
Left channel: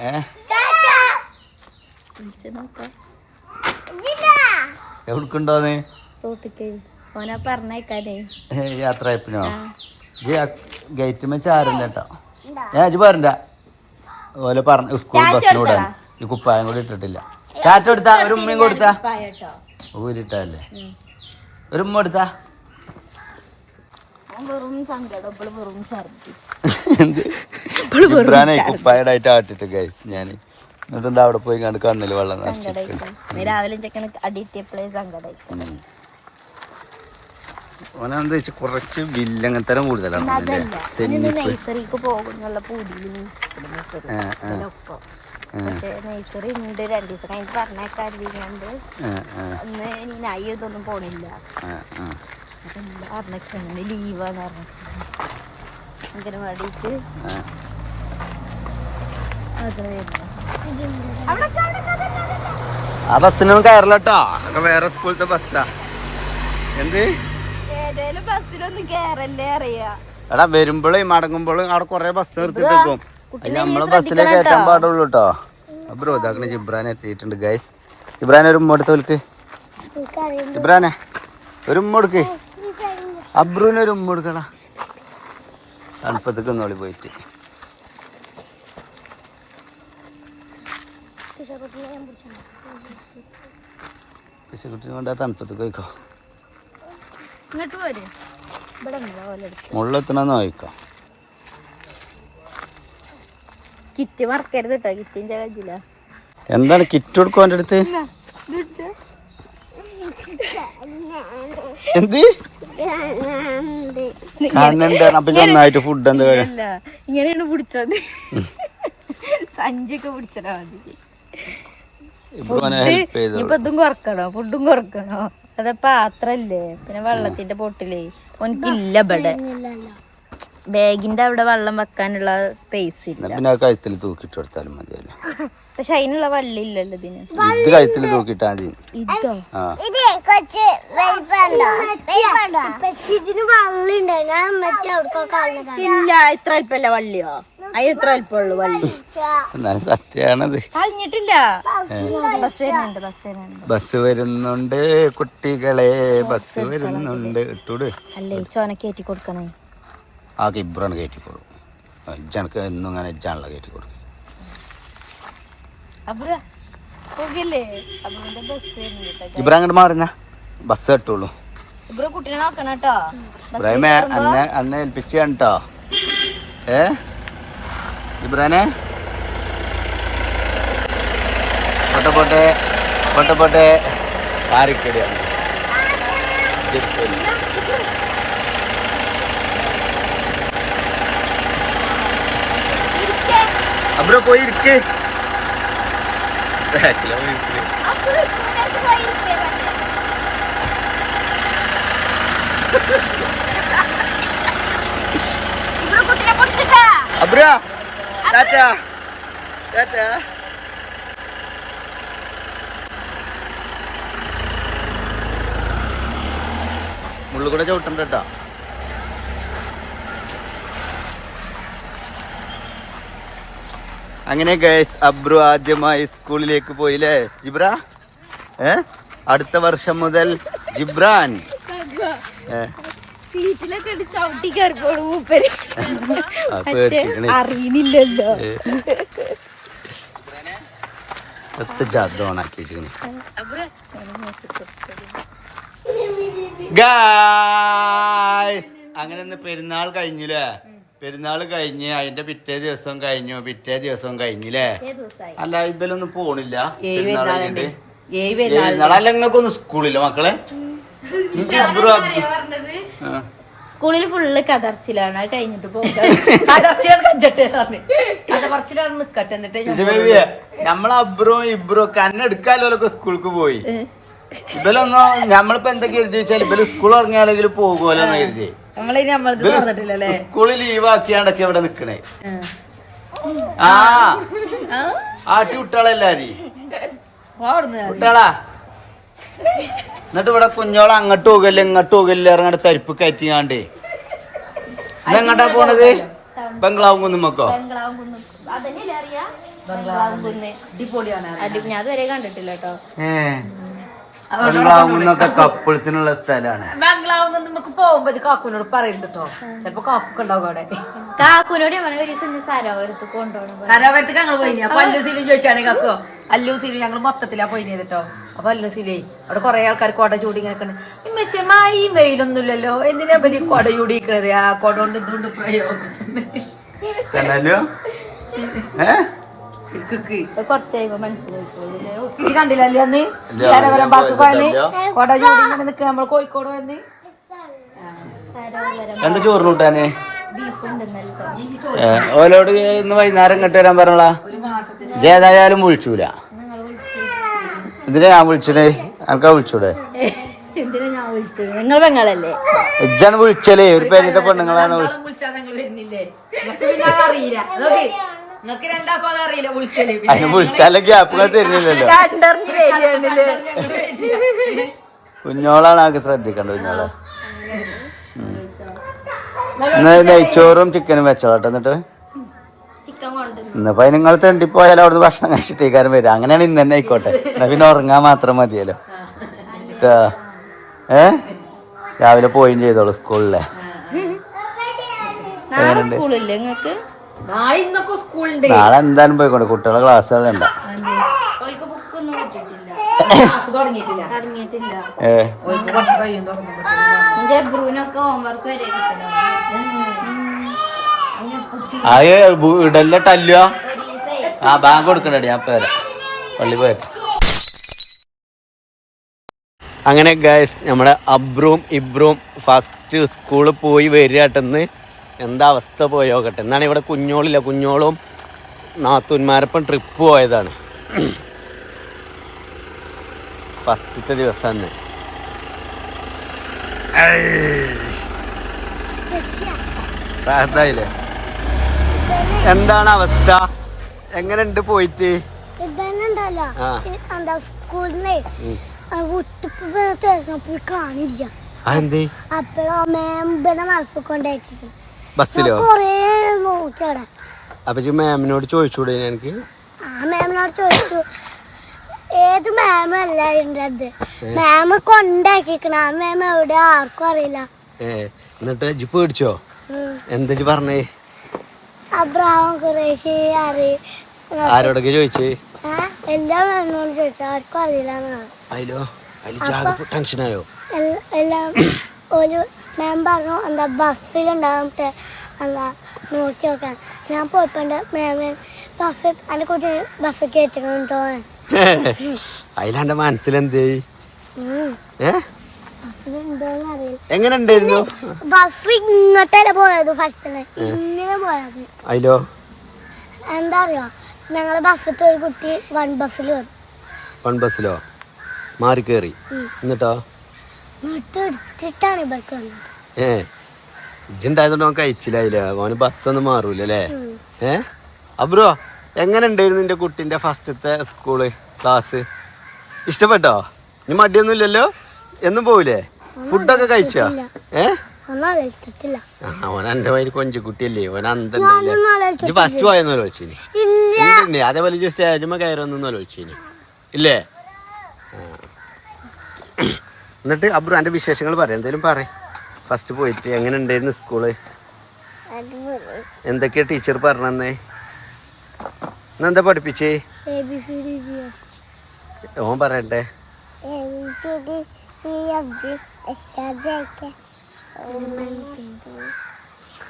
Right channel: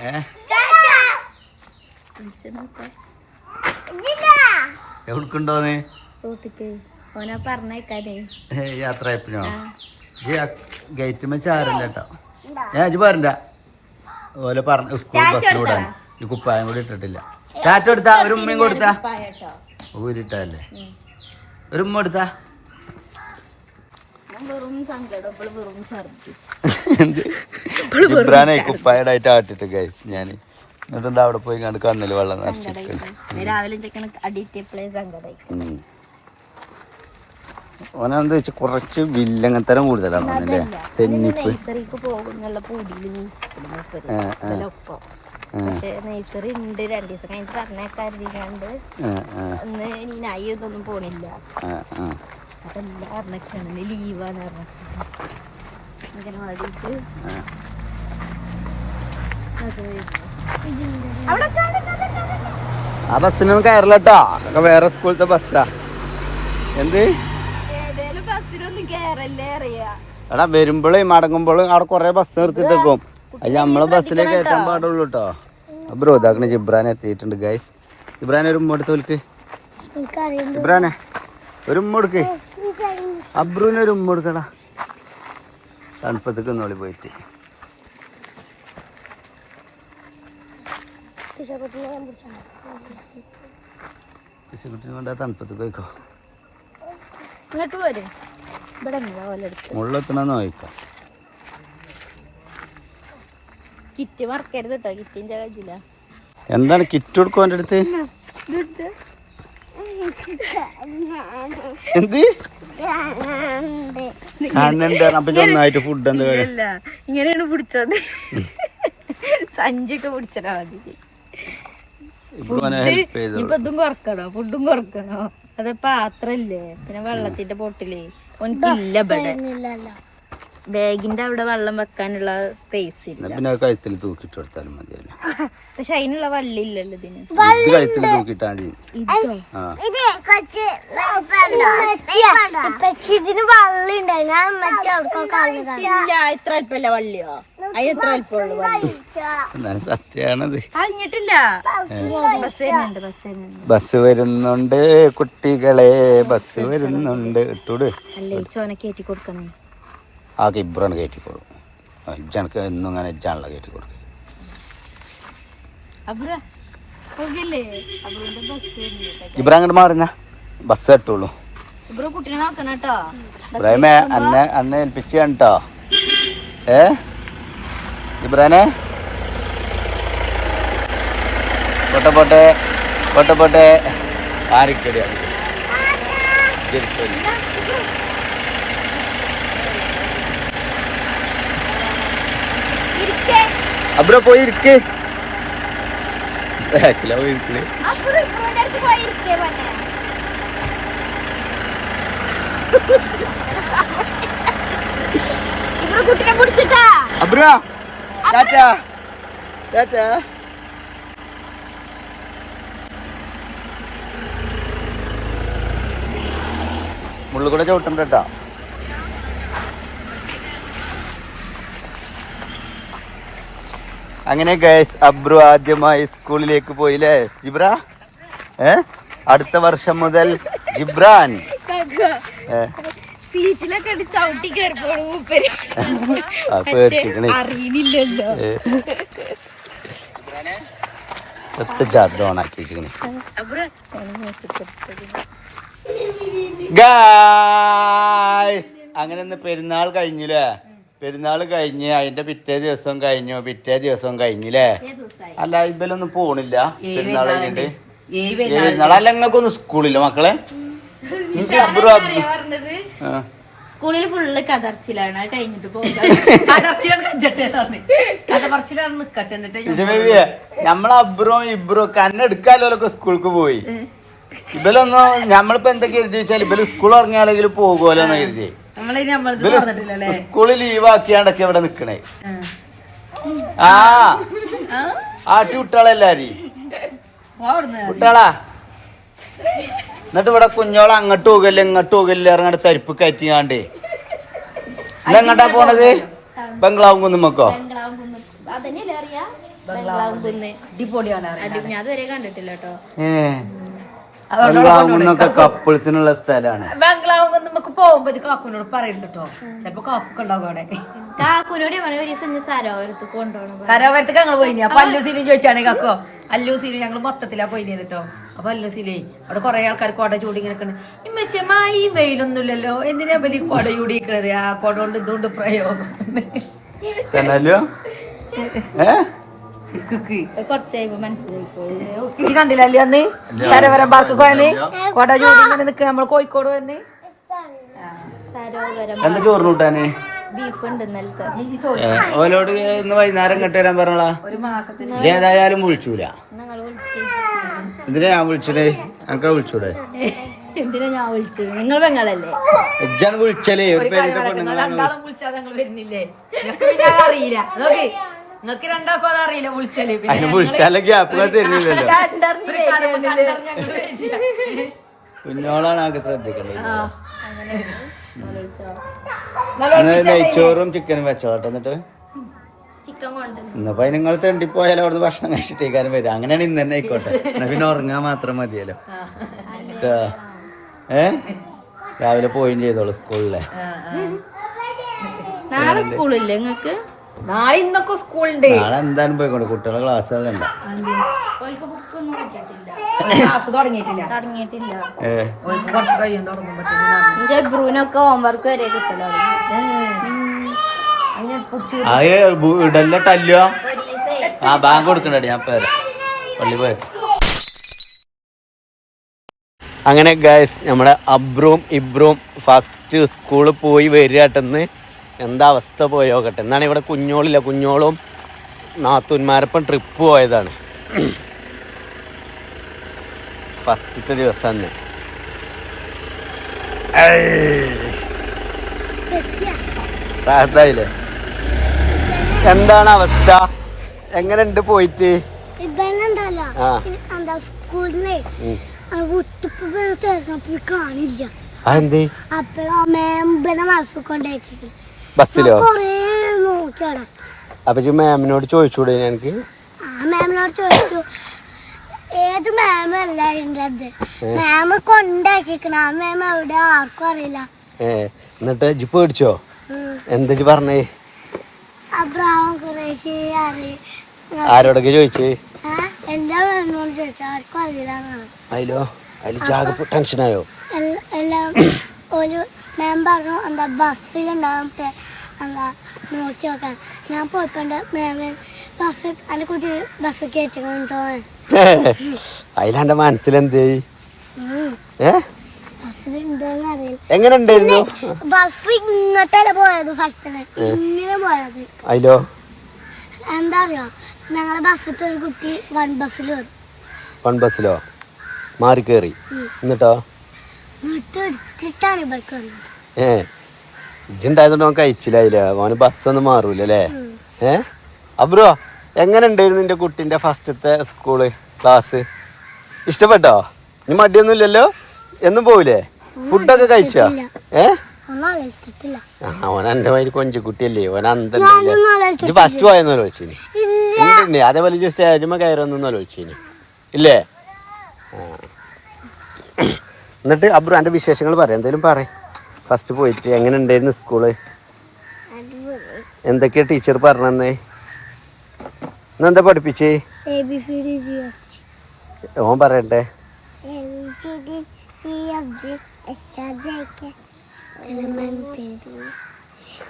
എവിടേക്കുണ്ടോന്ന് യാത്ര ആയപ്പിനോ ഗേറ്റ് വെച്ച് ആരല്ല കേട്ടോ. ഇജ്ജ് പറഞ്ഞ ഓലെ പറഞ്ഞ സ്കൂൾ ബസ്സിലൂടാൻ ഈ കുപ്പായം കൂടി ഇട്ടിട്ടില്ല. ടാറ്റ കൊടുത്താ ഒരു ഉമ്മയും കൊടുത്താ ഊരിട്ടല്ലേ ഒരു ഉമ്മ കൊടുത്താ. ഇബ്രാനെ കുപ്പായടായിട്ട് ആട്ടിട്ട് ഗൈസ് ഞാൻ എന്നിട്ട് അവിടെ പോയി കണ്ട് കണ്ണില് വെള്ളം ഓനെന്താ വെച്ചാൽ കുറച്ച് വില്ലങ്ങത്തരം കൂടുതലാണ് അല്ലേ തെന്നിപ്പ്. നഴ്സറി ഉണ്ട് 2 ദിവസം കഴിഞ്ഞിട്ട് പറഞ്ഞേക്കാണ്ട് ഇതൊന്നും പോണില്ല അപ്പൊ എല്ലാ പറഞ്ഞൊക്കെയാണ് ലീവാന്ന് പറഞ്ഞു ഇങ്ങനെ വേണ്ടിട്ട് ആ ബസ്സിനൊന്നും കയറില്ല കേട്ടോ. അതൊക്കെ വേറെ സ്കൂളത്തെ ബസ്സാ. എന്ത് ബസ്സിലൊന്നും കേറല്ലേ അറിയാ. എടാ വരുമ്പോഴും മടങ്ങുമ്പോഴും അവിടെ കൊറേ ബസ് നിർത്തിട്ടേക്കും. അത് നമ്മളെ ബസ്സിലേ കയറ്റാൻ പാടുള്ളൂ കേട്ടോ. അബ്രോ ഇതാക്കണ ജിബ്രാൻ എത്തിയിട്ടുണ്ട് ഗൈസ്. ഇബ്രാനെ ഒരു ഉമ്മ എടുത്ത് വിളിക്ക്. ഇബ്രാനെ ഒരു ഉമ്മ കൊടുക്ക്. അബ്രുവിനെ ഒരു ഉമ്മ കൊടുക്കടാ. തണുപ്പത്തേക്ക് ഒന്നോളി പോയിട്ട് കുട്ടിനെ കൊണ്ട് തണുപ്പത്തേക്ക് പോയിക്കോ. മുള്ളെത്തണമെന്ന് നോക്കാം. കിറ്റ് മറക്കരുത് കേട്ടോ. കിറ്റിന്റെ കയ്യില എന്താണ് കിറ്റ് കൊടുക്കും എൻ്റെ അടുത്ത്? എന്ത് ഒന്നായിട്ട് ഫുഡ് എന്താ ഇങ്ങനെയാണ് പിടിച്ചത്. സഞ്ചിയൊക്കെ പിടിച്ചാ മതി. ഹെൽപ്പ് ചെയ്തു. ഇതും കുറക്കണോ ഫുഡും കുറക്കണോ? അതെ പാത്രല്ലേ പിന്നെ വെള്ളത്തിന്റെ പൊട്ടിലേ ഒന്നില്ല ഇവിടെ ബാഗിന്റെ അവിടെ വെള്ളം വെക്കാനുള്ള സ്പേസ് ഇല്ല. പിന്നെ കഴുത്തിൽ തൂക്കിട്ട് കൊടുത്താലും മതിയല്ലോ. പക്ഷെ അതിനുള്ള വള്ളി ഇല്ലല്ലോ ഇതിന്. ഇത് കഴുത്തിൽ തൂക്കിട്ടാ മതി. ഇത്ര അല്പല്ല വള്ളിയോ? അത് എത്ര അല്പമുള്ളൂ വള്ളി. സത്യാണത്. കഴിഞ്ഞിട്ടില്ല. ബസ് വരുന്നുണ്ട് കുട്ടികളെ, ബസ് വരുന്നുണ്ട്. ഇട്ടൂട് അല്ലേ ചോന കയറ്റി കൊടുക്കണേ. ആ ഇബ്രാണ് കയറ്റിക്കോളും. ഇജനക്ക് എന്നും അങ്ങനെ ഇജാണല്ലോ കയറ്റിക്കൊടുക്കും. ഇബ്രാ അങ്ങോട്ട് മാറുന്ന ബസ് കെട്ടുള്ളൂ. ഇബ്രാഹിമേ അന്നെ ഏൽപ്പിച്ചു കണ്ടോ? ഇബ്രാനെ പൊട്ടെ ആരിക്കടിയാണ്. അബ്രോ പോയി ഇരിക്ക്. അബ്രോ ടാറ്റാ ടാറ്റാ. മുള്ളുകൂടെ ചവിട്ടണ്ട കേട്ടോ. അങ്ങനെ ഗൈസ് അബ്രു ആദ്യമായി സ്കൂളിലേക്ക് പോയില്ലേ ജിബ്ര? അടുത്ത വർഷം മുതൽ ജിബ്രാൻ അറിയില്ലല്ലോ. ഓണാക്കി ഗായ്സ്. അങ്ങനെ ഇന്ന് പെരുന്നാൾ കഴിഞ്ഞില്ലേ? പെരുന്നാൾ കഴിഞ്ഞ് അതിന്റെ പിറ്റേ ദിവസം കഴിഞ്ഞില്ലേ? അല്ല ഇവലൊന്നും പോണില്ല പെരുന്നാൾ കഴിഞ്ഞിട്ട്. അല്ല നിങ്ങൾക്കൊന്നും സ്കൂളില്ല മക്കളെ? സ്കൂളിൽ ഫുള്ള് കതർച്ചിലാണ്. അത് കഴിഞ്ഞിട്ട് നമ്മളെ അബ്രും ഇബ്രും കന്നെ എടുക്കാലോലൊക്കെ സ്കൂൾക്ക് പോയി. ഇവലൊന്നും നമ്മളിപ്പോ എന്തൊക്കെ എഴുതി വെച്ചാൽ ഇവര് സ്കൂൾ ഇറങ്ങിയാലെങ്കിലും പോകുമല്ലോ എന്ന് കരുതി. സ്കൂളിൽ ലീവ് ആക്കിയാണ്ടൊക്കെ ഇവിടെ നിക്കണേ. ആട്ടി വിട്ടാളെല്ലാരും വിട്ടാളാ. എന്നിട്ട് ഇവിടെ കുഞ്ഞോളെ അങ്ങോട്ട് പോകല്ലേ ഇങ്ങോട്ട് പോകല്ലേ ഇറങ്ങാണ്ട് തരിപ്പ് കയറ്റിയാണ്ടേ. ഇന്നെങ്ങട്ടാ പോണത്? ബംഗ്ലാവും കുന്നുമ്മക്കോ? ഞാൻ അതുവരെ കണ്ടിട്ടില്ല കേട്ടോ. ബംഗ്ലാവും കുന്നൊക്കെ കപ്പിൾസിനുള്ള സ്ഥലമാണ്. ബംഗ്ലാവ് നമുക്ക് പോകുമ്പോ കാക്കുനോട് പറയുന്നത് കേട്ടോ. ചിലപ്പോ കാക്കൊക്കെ ഉണ്ടാവും അവിടെ. കാക്കുനോട് ഒരു ദിവസം സരോവരത്ത് കൊണ്ടുപോകണം. സരോവരത്തേക്ക് ഞങ്ങൾ പോയി. അപ്പൊ അല്ലൂസിലും ചോദിച്ചാണ് കാക്കോ. അല്ലൂസിലും ഞങ്ങൾ മൊത്തത്തിലാ പോയി കേട്ടോ. അപ്പൊ അല്ലൂസിലേ അവിടെ കുറെ ആൾക്കാർ കൊട ചൂടി ഇങ്ങനെ ഈ വെയിലൊന്നുമില്ലല്ലോ, എന്തിനാ വലിയ കൊട ചൂടിക്കണത്? ആ കൊട കൊണ്ട് ഇതുകൊണ്ട് പ്രയോഗം കുറച്ച് കഴിയുമ്പോ മനസ്സിലായി കണ്ടില്ലല്ലോ അന്ന് കൊട ചൂടി നിൽക്കണ നമ്മള് കോഴിക്കോട് വന്ന് എന്താ ചോറിന് കൂട്ടാന്? ബീഫ് ഉണ്ട് ഇന്നലത്തെ. ഓലോട് ഇന്ന് വൈകുന്നേരം ഇങ്ങോട്ട് വരാൻ പറഞ്ഞോളാ. ഏതായാലും വിളിച്ചൂല. ഇതിനെ ഞാൻ വിളിച്ചേ, എനിക്കാ വിളിച്ചൂടെ? എന്തിനാ ഞാൻ വിളിച്ചത്? നിങ്ങൾ പെങ്ങളല്ലേ? ഇജ്ജാണ് വിളിച്ചല്ലേ? ഒരു പരിത പെണ്ണുങ്ങളാണ് വിളിച്ചാലെ ഗ്യാപ്പുകൾ തരുന്നില്ലല്ലോ. കുഞ്ഞോളാണ് ആൾക്ക് ശ്രദ്ധിക്കേണ്ടത്. കുഞ്ഞോളെ നെയ്ച്ചോറും ചിക്കനും വെച്ചോട്ടെ. എന്നിട്ട് ഇന്നിപ്പോ നിങ്ങൾ തെണ്ടിപ്പോയാലും അവിടുന്ന് ഭക്ഷണം കഴിച്ചിട്ടേക്കാരും വരും. അങ്ങനെയാണ് ഇന്ന് തന്നെ ആയിക്കോട്ടെ. എന്നാ പിന്നെ ഉറങ്ങാൻ മാത്രം മതിയല്ലോ. രാവിലെ പോയും ചെയ്തോളൂ സ്കൂളിലെ. നാളെ സ്കൂളില്ലേ നിങ്ങൾക്ക്? നാളെ എന്തായാലും പോയിക്കോട്ടെ. കുട്ടികളെ ക്ലാസ്സുകളുണ്ട. ബ്രൂനൊക്കെ ഹോംവർക്ക് വരെ കിട്ടലോ. ഇടല്ല ടല്ലോ. ബാങ്ക് കൊടുക്കണ്ടേ? ഞാൻ പേരാ പള്ളി പോയിട്ട്. അങ്ങനെ ഗൈസ് നമ്മുടെ അബ്രും ഇബ്രും ഫസ്റ്റ് സ്കൂളിൽ പോയി വരികട്ടെന്ന്. എന്താ അവസ്ഥ പോയോക്കട്ടെ. എന്നാണ് ഇവിടെ കുഞ്ഞോളില്ല. കുഞ്ഞോളും നാത്തൂന്മാരപ്പം ട്രിപ്പ് പോയതാണ്. ഫസ്റ്റത്തെ ദിവസം തന്നെ. റാഹത്തായില്ലേ? എന്താണ് അവസ്ഥ? എങ്ങനെയുണ്ട് പോയിട്ട്? കാണില്ല. അപ്പോഴോ ബസ്സിലോ ബസ്സിലോ നോക്കിയവിടെ. അപ്പൊ മാമിനോട് ചോദിച്ചൂടെ? എനിക്ക് മാമിനോട് ചോദിച്ചു. ഏത് മാമല്ല ഉണ്ടത്? മാമ കൊണ്ടാക്കിക്കണ. ആ മാം എവിടെ ആർക്കും അറിയില്ല. എന്നിട്ട് ഇജ്ജ് പേടിച്ചോ? എന്താ പറഞ്ഞേ? അബ്രഹാം ഖുറൈശി ആരോടൊക്കെ ചോദിച്ചേ? എല്ലാ മാമിനോട് ചോദിച്ചു. ആർക്കും അറിയില്ല. അതില് ജാഗ ടെൻഷനായോ? എല്ലാം ഒരു മാം പറഞ്ഞു എന്താ ബസ്സിലുണ്ടാകും എന്താ നോക്കി നോക്കാൻ. ഞാൻ പോയിപ്പോണ്ട് മാമ ബസ് എന്നെ കുറിച്ച് ബസ് കയറ്റണം തോന്നാൻ. അതിലെന്റെ മനസ്സിലെന്തേ? ബസ്സിലുണ്ടോന്ന് അറിയില്ല. എങ്ങനെ ഉണ്ടായിരുന്നു ബസ്? ഇങ്ങോട്ടല്ല പോയത് ഫസ്റ്റ്. ഇങ്ങനെ പോയത്. അതിലോ എന്താ അറിയോ, ഞങ്ങളെ ബസ്സിലത്തെ ഒരു കുട്ടി വൺ ബസ്സിലോ മാറി കേറി. എന്നിട്ടോ എടുത്തിട്ടാണ് ഇവർക്ക് വന്നത്. ഇജ്ജുണ്ടായതുകൊണ്ട് അവൻ കഴിച്ചില്ലായില്ല. അവന് ബസ്സൊന്നും മാറൂലേ? അബ്രോ എങ്ങനെ ഉണ്ടായിരുന്നു നിന്റെ കുട്ടിന്റെ ഫസ്റ്റത്തെ സ്കൂള് ക്ലാസ്? ഇഷ്ടപ്പെട്ടോ? ഇനി മടിയൊന്നും ഇല്ലല്ലോ? എന്നും പോവില്ലേ? ഫുഡൊക്കെ കഴിച്ചോ? അവൻ എന്റെ മാതിരി കൊഞ്ചുകുട്ടിയല്ലേ? അവൻ അന്തല്ലേ? ഇജ്ജ് ഫസ്റ്റ് പോയെന്നോ ചോദിച്ചിനി? ഉണ്ട്. അതേപോലെ ഇജ്ജ് സ്റ്റേജുമ്മ കയറൊന്നോ ചോദിച്ചിനി? ഇല്ലേ? എന്നിട്ട് അബ്രു എന്റെ വിശേഷങ്ങൾ പറയാം. എന്തേലും പറ. ഫസ്റ്റ് പോയിട്ട് എങ്ങനെ ഉണ്ടായിരുന്നു സ്കൂള്? എന്തൊക്കെയാ ടീച്ചർ പറഞ്ഞേ? ഇന്നെന്താ പഠിപ്പിച്ചേ? ABCD ഓൻ പറയട്ടെ.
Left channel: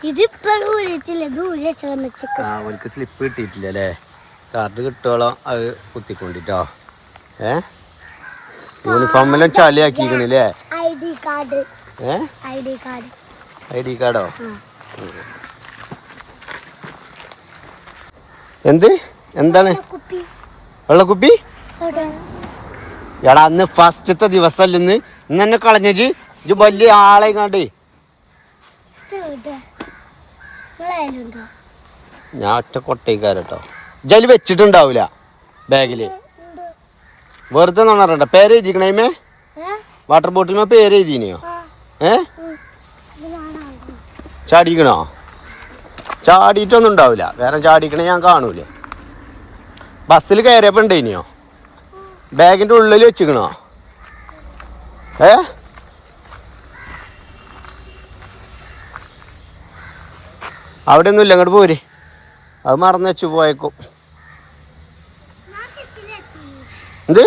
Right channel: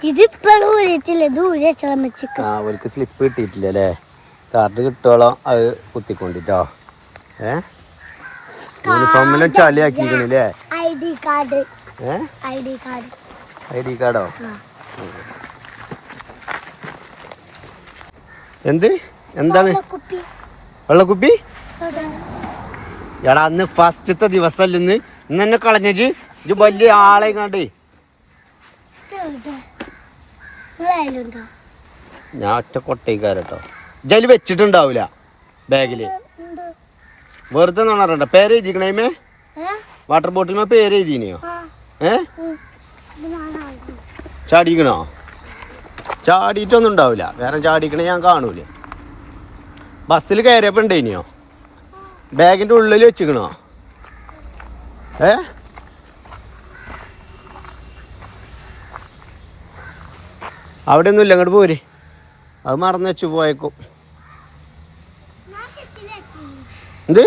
ഇതിപ്പോഴും അവർക്ക് സ്ലിപ്പ് കിട്ടിയിട്ടില്ല അല്ലേ? കാർഡ് കിട്ടോളം അത് കുത്തിക്കൊണ്ടിട്ടോ. യൂണിഫോമെല്ലാം ചളിയാക്കിക്കണില്ലേ? ഐ ഡി കാർഡോ? എന്താണ് വെള്ളക്കുപ്പി? എടാ അന്ന് ഫസ്റ്റത്തെ ദിവസമല്ല ഇന്ന് എന്നെ കളഞ്ഞത്. ഇത് വലിയ ആളെ കണ്ടേ. ഞാൻ ഒറ്റ കൊട്ടേക്കാരട്ടോ. ജയില് വെച്ചിട്ടുണ്ടാവൂല ബാഗില്. വെറുതെ നോണറണ്ട. പേര് എഴുതിക്കണേ? വാട്ടർ ബോട്ടിൽ പേര് എഴുതിനെയോ? ചാടിക്കണോ? ചാടിയിട്ടൊന്നും ഉണ്ടാവില്ല. വേറെ ചാടിക്കണേ ഞാൻ കാണൂല. ബസ്സിൽ കയറിയപ്പോ ഉണ്ടേനിയോ? ബാഗിന്റെ ഉള്ളിൽ വെച്ചിക്കണോ? അവിടെ ഒന്നും ഇല്ല. അങ്ങോട്ട് പോര്. അത് മറന്നു വെച്ചു പോയേക്കും. എന്ത്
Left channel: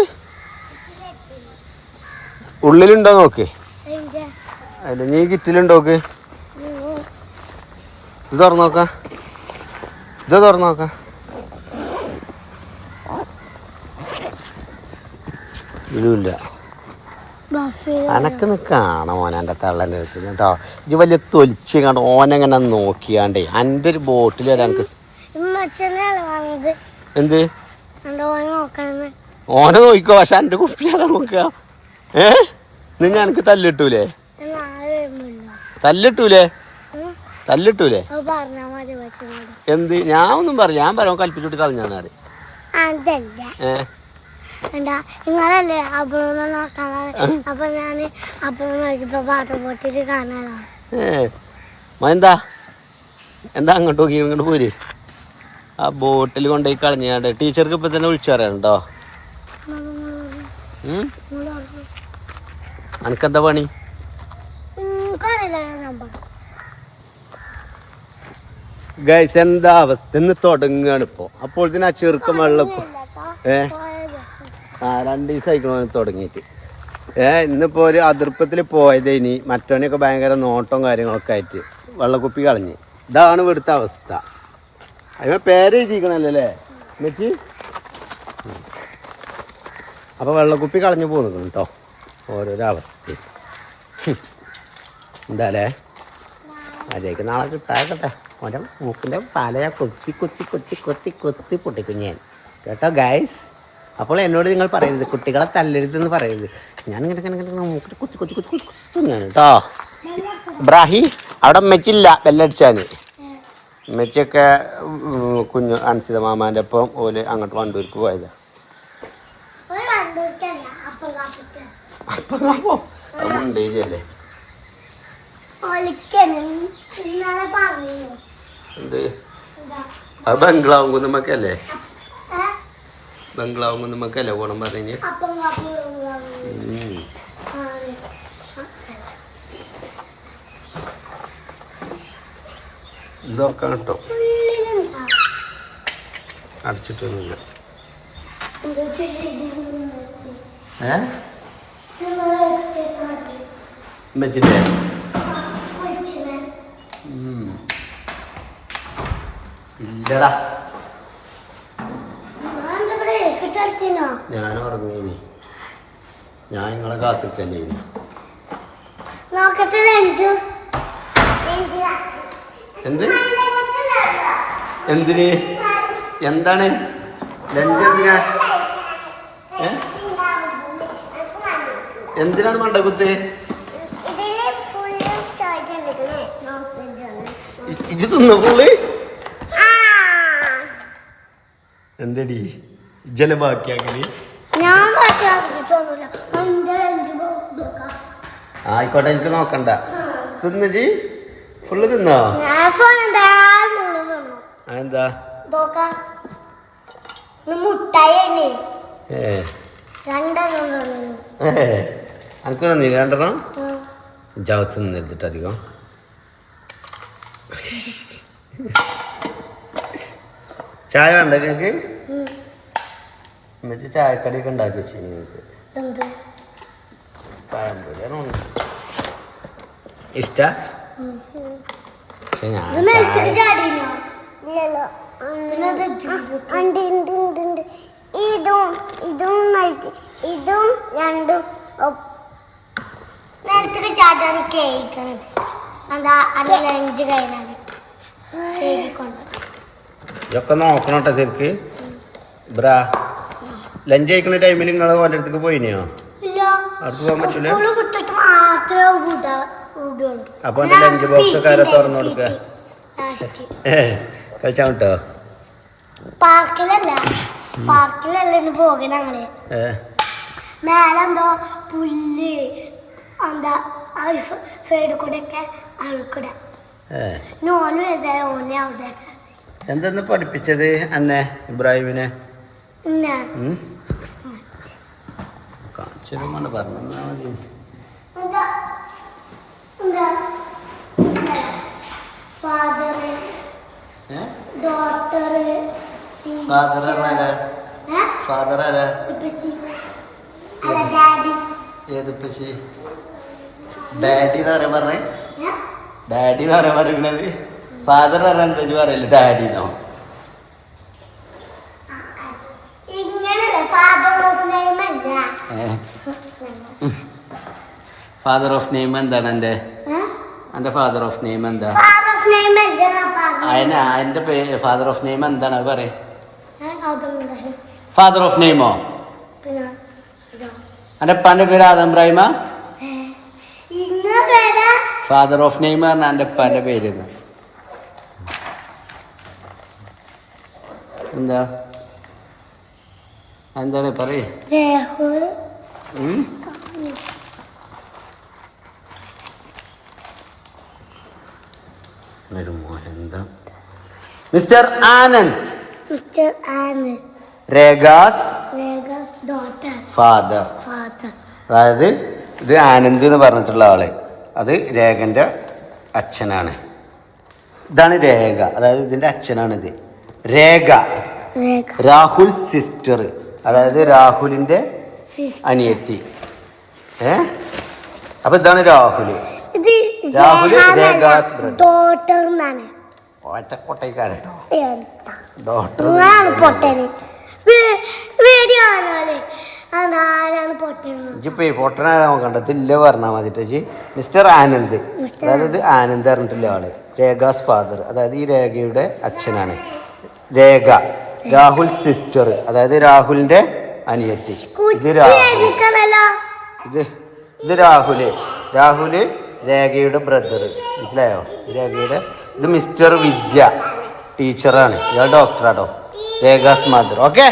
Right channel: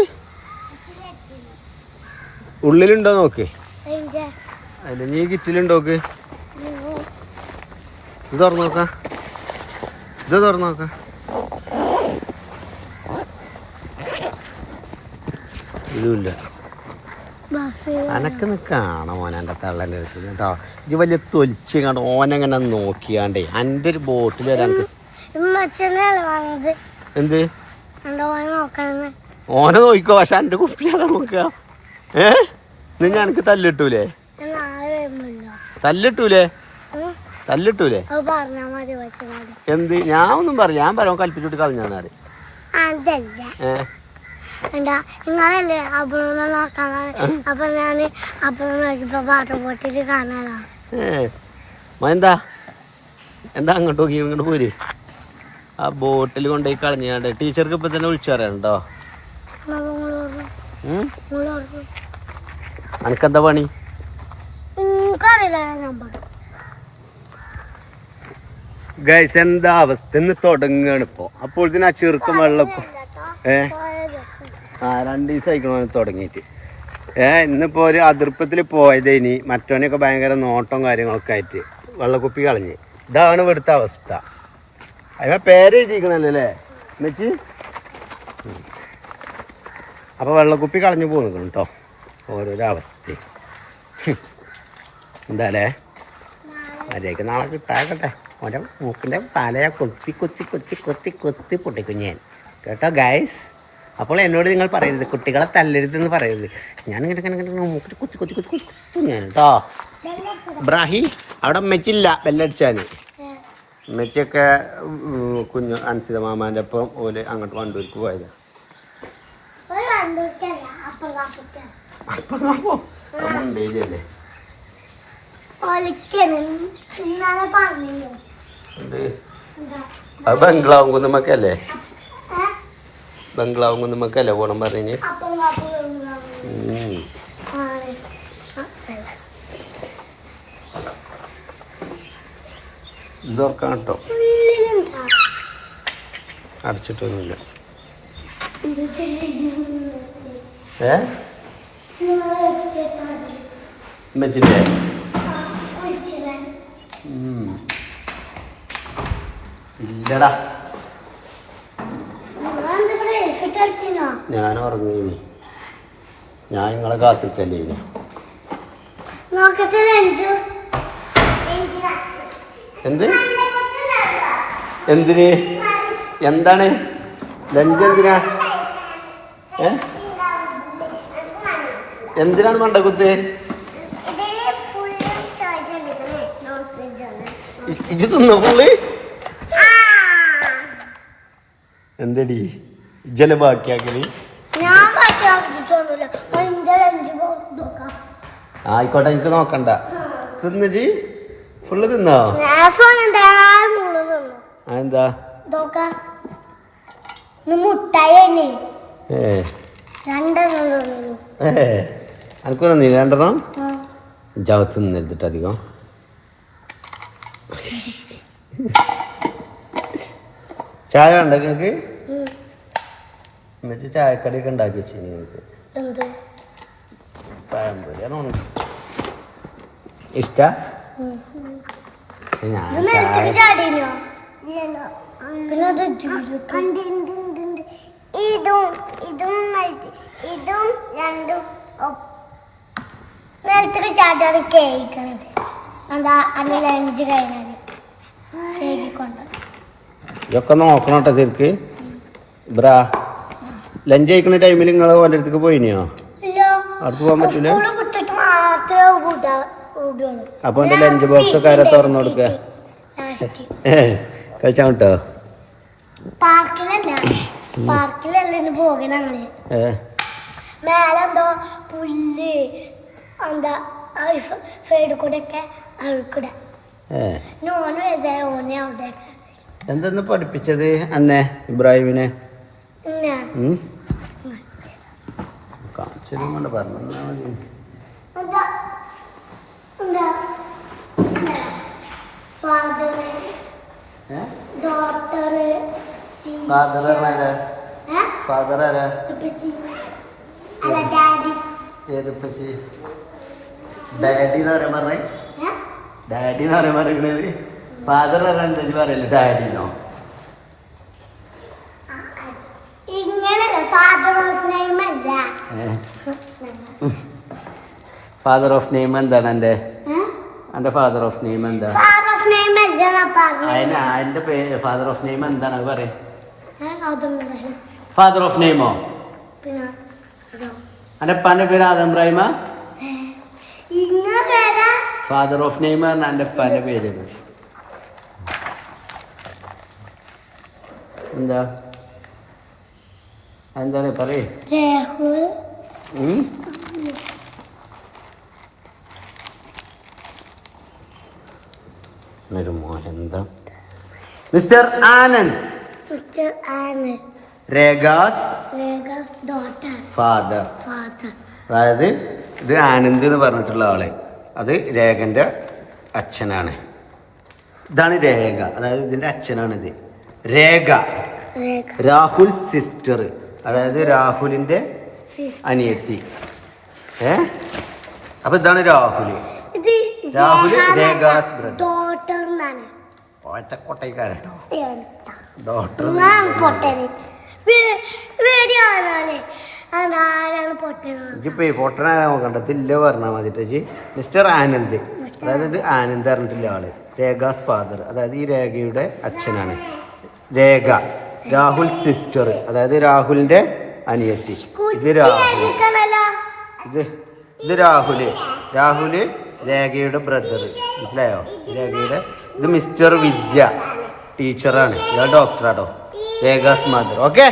ഉള്ളിലുണ്ടോ നോക്ക്. അല്ല നീ കിറ്റിലുണ്ടോക്ക്. ഇത് തുറന്നോക്ക. ഇത് തുറന്നോക്ക. ഇതിലുമില്ല. അനക്ക് കാണാം ഓനെ എൻ്റെ തള്ളൻ്റെ അടുത്ത് കേട്ടോ. ഇത് വലിയ തൊലിച്ച് കണ്ട് ഓനെങ്ങനെ നോക്കിയാണ്ടേ എൻ്റെ ഒരു ബോട്ടിൽ വരെ എനിക്ക്. എന്ത് ഓനെ നോക്കിക്കോ. പക്ഷെ എൻ്റെ കുപ്പിയാണോ നോക്കുക? നിങ്ങൾ എനിക്ക് തല്ലിട്ടൂലേ? തല്ലിട്ടൂലേ? എന്ത്? ഞാൻ ഒന്നും പറഞ്ഞു. ഞാൻ പറയാൻ കൽപ്പിച്ചിട്ട് കളഞ്ഞാണ്. നിങ്ങളല്ലേ അപ്പുറം നോക്കാൻ. അപ്പൊ ഞാൻ അപ്പുറം നോക്കിയപ്പോ വാട്ടർ ബോട്ടിൽ കാണാനാ. എന്താ അങ്ങോട്ട് നോക്കി ഇങ്ങോട്ട് പോര്. ആ ബോട്ടിൽ കൊണ്ടുപോയി കളഞ്ഞാണ്ട് ടീച്ചർക്ക് ഇപ്പൊ തന്നെ വിളിച്ചു പറയാനുണ്ടോ? അനക്കെന്താ പണി? ഗൈസ് എന്താ അവസ്ഥ? ഇന്ന് തുടങ്ങുകയാണ് ഇപ്പൊ. അപ്പോൾ ഇതിന് ആ ചെറുക്കം വെള്ളം 2 ദിവസം ആയിക്കണോ തുടങ്ങിയിട്ട്. ഇന്നിപ്പോ ഒരു അതിർപ്പത്തിൽ പോയത്. ഇനി മറ്റവനൊക്കെ ഭയങ്കര നോട്ടവും കാര്യങ്ങളൊക്കെ ആയിട്ട് വെള്ളക്കുപ്പി കളഞ്ഞ്. ഇതാണ് ഇവിടുത്തെ അവസ്ഥ. അതിന് പേര് എഴുതിക്കണല്ലോ അല്ലേ മെച്ചി? അപ്പൊ വെള്ളക്കുപ്പി കളഞ്ഞു പോന്നിക്കണം കേട്ടോ. ഓരോരോ അവസ്ഥ എന്താല്ലേ? മര്യാദക്ക് നാളെ കിട്ടാക്കട്ടെ. ഓരോ മൂക്കിൻ്റെ തലയെ കൊത്തി പൊട്ടിക്കും ഞാൻ കേട്ടോ ഗൈസ്. അപ്പോൾ എന്നോട് നിങ്ങൾ പറയരുത് കുട്ടികളെ തല്ലരുതെന്ന് പറയരുത്. ഞാൻ ഇങ്ങനെ മൂക്കിട്ട് കുത്തി ഞാൻ കേട്ടോ. ബ്രാഹി അവിടെ മെച്ചില്ല ബെല്ലടിച്ചാന്. മെച്ചൊക്കെ കുഞ്ഞു അൻസിത മാമാൻ്റെ ഒപ്പം ഓല് അങ്ങോട്ട് വണ്ടൂർക്ക് പോയതാ. മുണ്ടേരിയല്ലേ? എന്ത്? അത് ബംഗ്ലാവും കുന്നുമ്മക്കല്ലേ? ബംഗ്ലാവും കുന്നുമ്മക്കല്ലേ പോണം പറഞ്ഞ്? ഇതൊർക്കാൻ കേട്ടോ. അടച്ചിട്ടൊന്നുമില്ല. മെച്ചില്ലേ? ഇല്ലടാ ഞാൻ ഉറങ്ങീനി. ഞാൻ നിങ്ങളെ കാത്തിക്കല്ലേ ഇനി. എന്തിന്? എന്താണ് ലഞ്ച്? എന്തിനാണ് മണ്ടക്കുത്ത്? ഇജ്ജ് തിന്ന ഫുള്ള്? എന്തടി ഇജ്ജല ബാക്കിയാക്കല്? ആയിക്കോട്ടെ എനിക്ക് നോക്കണ്ട. തിന്നജി ഫുള്ള് തിന്നോ? എന്താ അനക്കൊന്നും നീ 2 ജാവത്ത് നിന്നെടുത്തിട്ട് അധികം. ചായ വേണ്ട നിങ്ങൾക്ക്? എന്നിട്ട് ചായക്കടിയൊക്കെ ഉണ്ടാക്കി വെച്ചു നിങ്ങൾക്ക് എന്ത് പഴംപൊരിയാണോ ഇഷ്ട ഞാൻ ഇത് മേലത്തേക്ക് ചായ ചാടിയില്ലോ പിന്നെ അത് ഇതും രണ്ടും മേലത്തേക്ക് ചാട്ടാണ് കേൾക്കണത് എന്താ അതിന് ലഞ്ച് കഴിഞ്ഞാൽ കേക്ക് കൊണ്ട് ഇതൊക്കെ ഒന്ന് നോക്കണം കേട്ടോ ശരിക്ക് ബ്രാ ലഞ്ച് കഴിക്കുന്ന ടൈമിൽ നിങ്ങൾ ഓൻ്റെ അടുത്തേക്ക് പോയിനെയോ അടുത്ത് പോകാൻ പറ്റൂല സ്കൂള് വിട്ടിട്ട് മാത്രമേ വിടുള്ളൂ അപ്പൊ എന്റെ ലഞ്ച് ബോക്സ് ഒക്കെ ആരാ തുറന്നു കൊടുക്കുക കഴിച്ചാൽ കിട്ടോ പാർക്കിലല്ല ഇന്ന് പോകെ ഞങ്ങള് മേലെന്തോ പുല്ല് എന്താ സൈഡിൽ കൂടെ ഒക്കെ അഴുക്കൂടെ ഓനും ഏതാ ഓനെ അവിടെ എന്തെന്ന് പഠിപ്പിച്ചത് അന്നെ ഇബ്രാഹിമിനെ കാണിച്ചതും കൊണ്ട് പറഞ്ഞാ മതി ഫാദർ ആരാ ഏത് പശി ഡാഡി എന്ന് പറയാൻ പറഞ്ഞേ ഡാഡി എന്ന് പറയാൻ പറയണത് ഫാദർ പറഞ്ഞ എന്താ പറയല്ലേ ഡാഡിന്നോ ഫാദർ ഓഫ് നെയിം എന്താണ് എന്റെ ഫാദർ ഓഫ് നെയിം എന്താ അതിന്റെ പേര് ഫാദർ ഓഫ് നെയിം എന്താണ് അത് പറയും ഫാദർ ഓഫ് നെയിമോ എന്റെ ഉപ്പാന്റെ പേര് ആദം ഇബ്രാഹിമ ഫാദർ ഓഫ് നെയിം പറഞ്ഞ എന്റെ ഉപ്പാന്റെ പേര് എന്താ എന്താണ് പറയേ എന്താ മിസ്റ്റർ ആനന്ദ് രേഖാസ് ഫാദർ അതായത് ഇത് ആനന്ദ് എന്ന് പറഞ്ഞിട്ടുള്ള ആള് അത് രേഖന്റെ അച്ഛനാണ് ഇതാണ് രേഖ അതായത് ഇതിന്റെ അച്ഛനാണിത് രേഖ രാഹുൽ സിസ്റ്റർ അതായത് രാഹുലിന്റെ അനിയത്തി അപ്പൊ ഇതാണ് രാഹുല് രേഖാസ് ബ്രദർ ഒറ്റക്കൊട്ടൈക്കാരട്ടോ ഡോക്ടർ ഇപ്പൊ പൊട്ടനാരാ നോക്കണ്ടത്തില്ല പറഞ്ഞാൽ മതിട്ടോ മിസ്റ്റർ ആനന്ദ് അതായത് ആനന്ദ് പറഞ്ഞിട്ടില്ല ആള് രേഖാസ് ഫാദർ അതായത് ഈ രേഖയുടെ അച്ഛനാണ് രേഖ രാഹുൽ സിസ്റ്റർ അതായത് രാഹുലിന്റെ അനിയത്തി ഇത് രാഹുൽ ഇത് രാഹുല് രേഖയുടെ ബ്രദർ മനസ്സിലായോ രേഖയുടെ ഇത് മിസ്റ്റർ വിദ്യ ടീച്ചറാണ് ഇയാൾ ഡോക്ടറാട്ടോ രേഖാസ് മദർ ഓക്കെ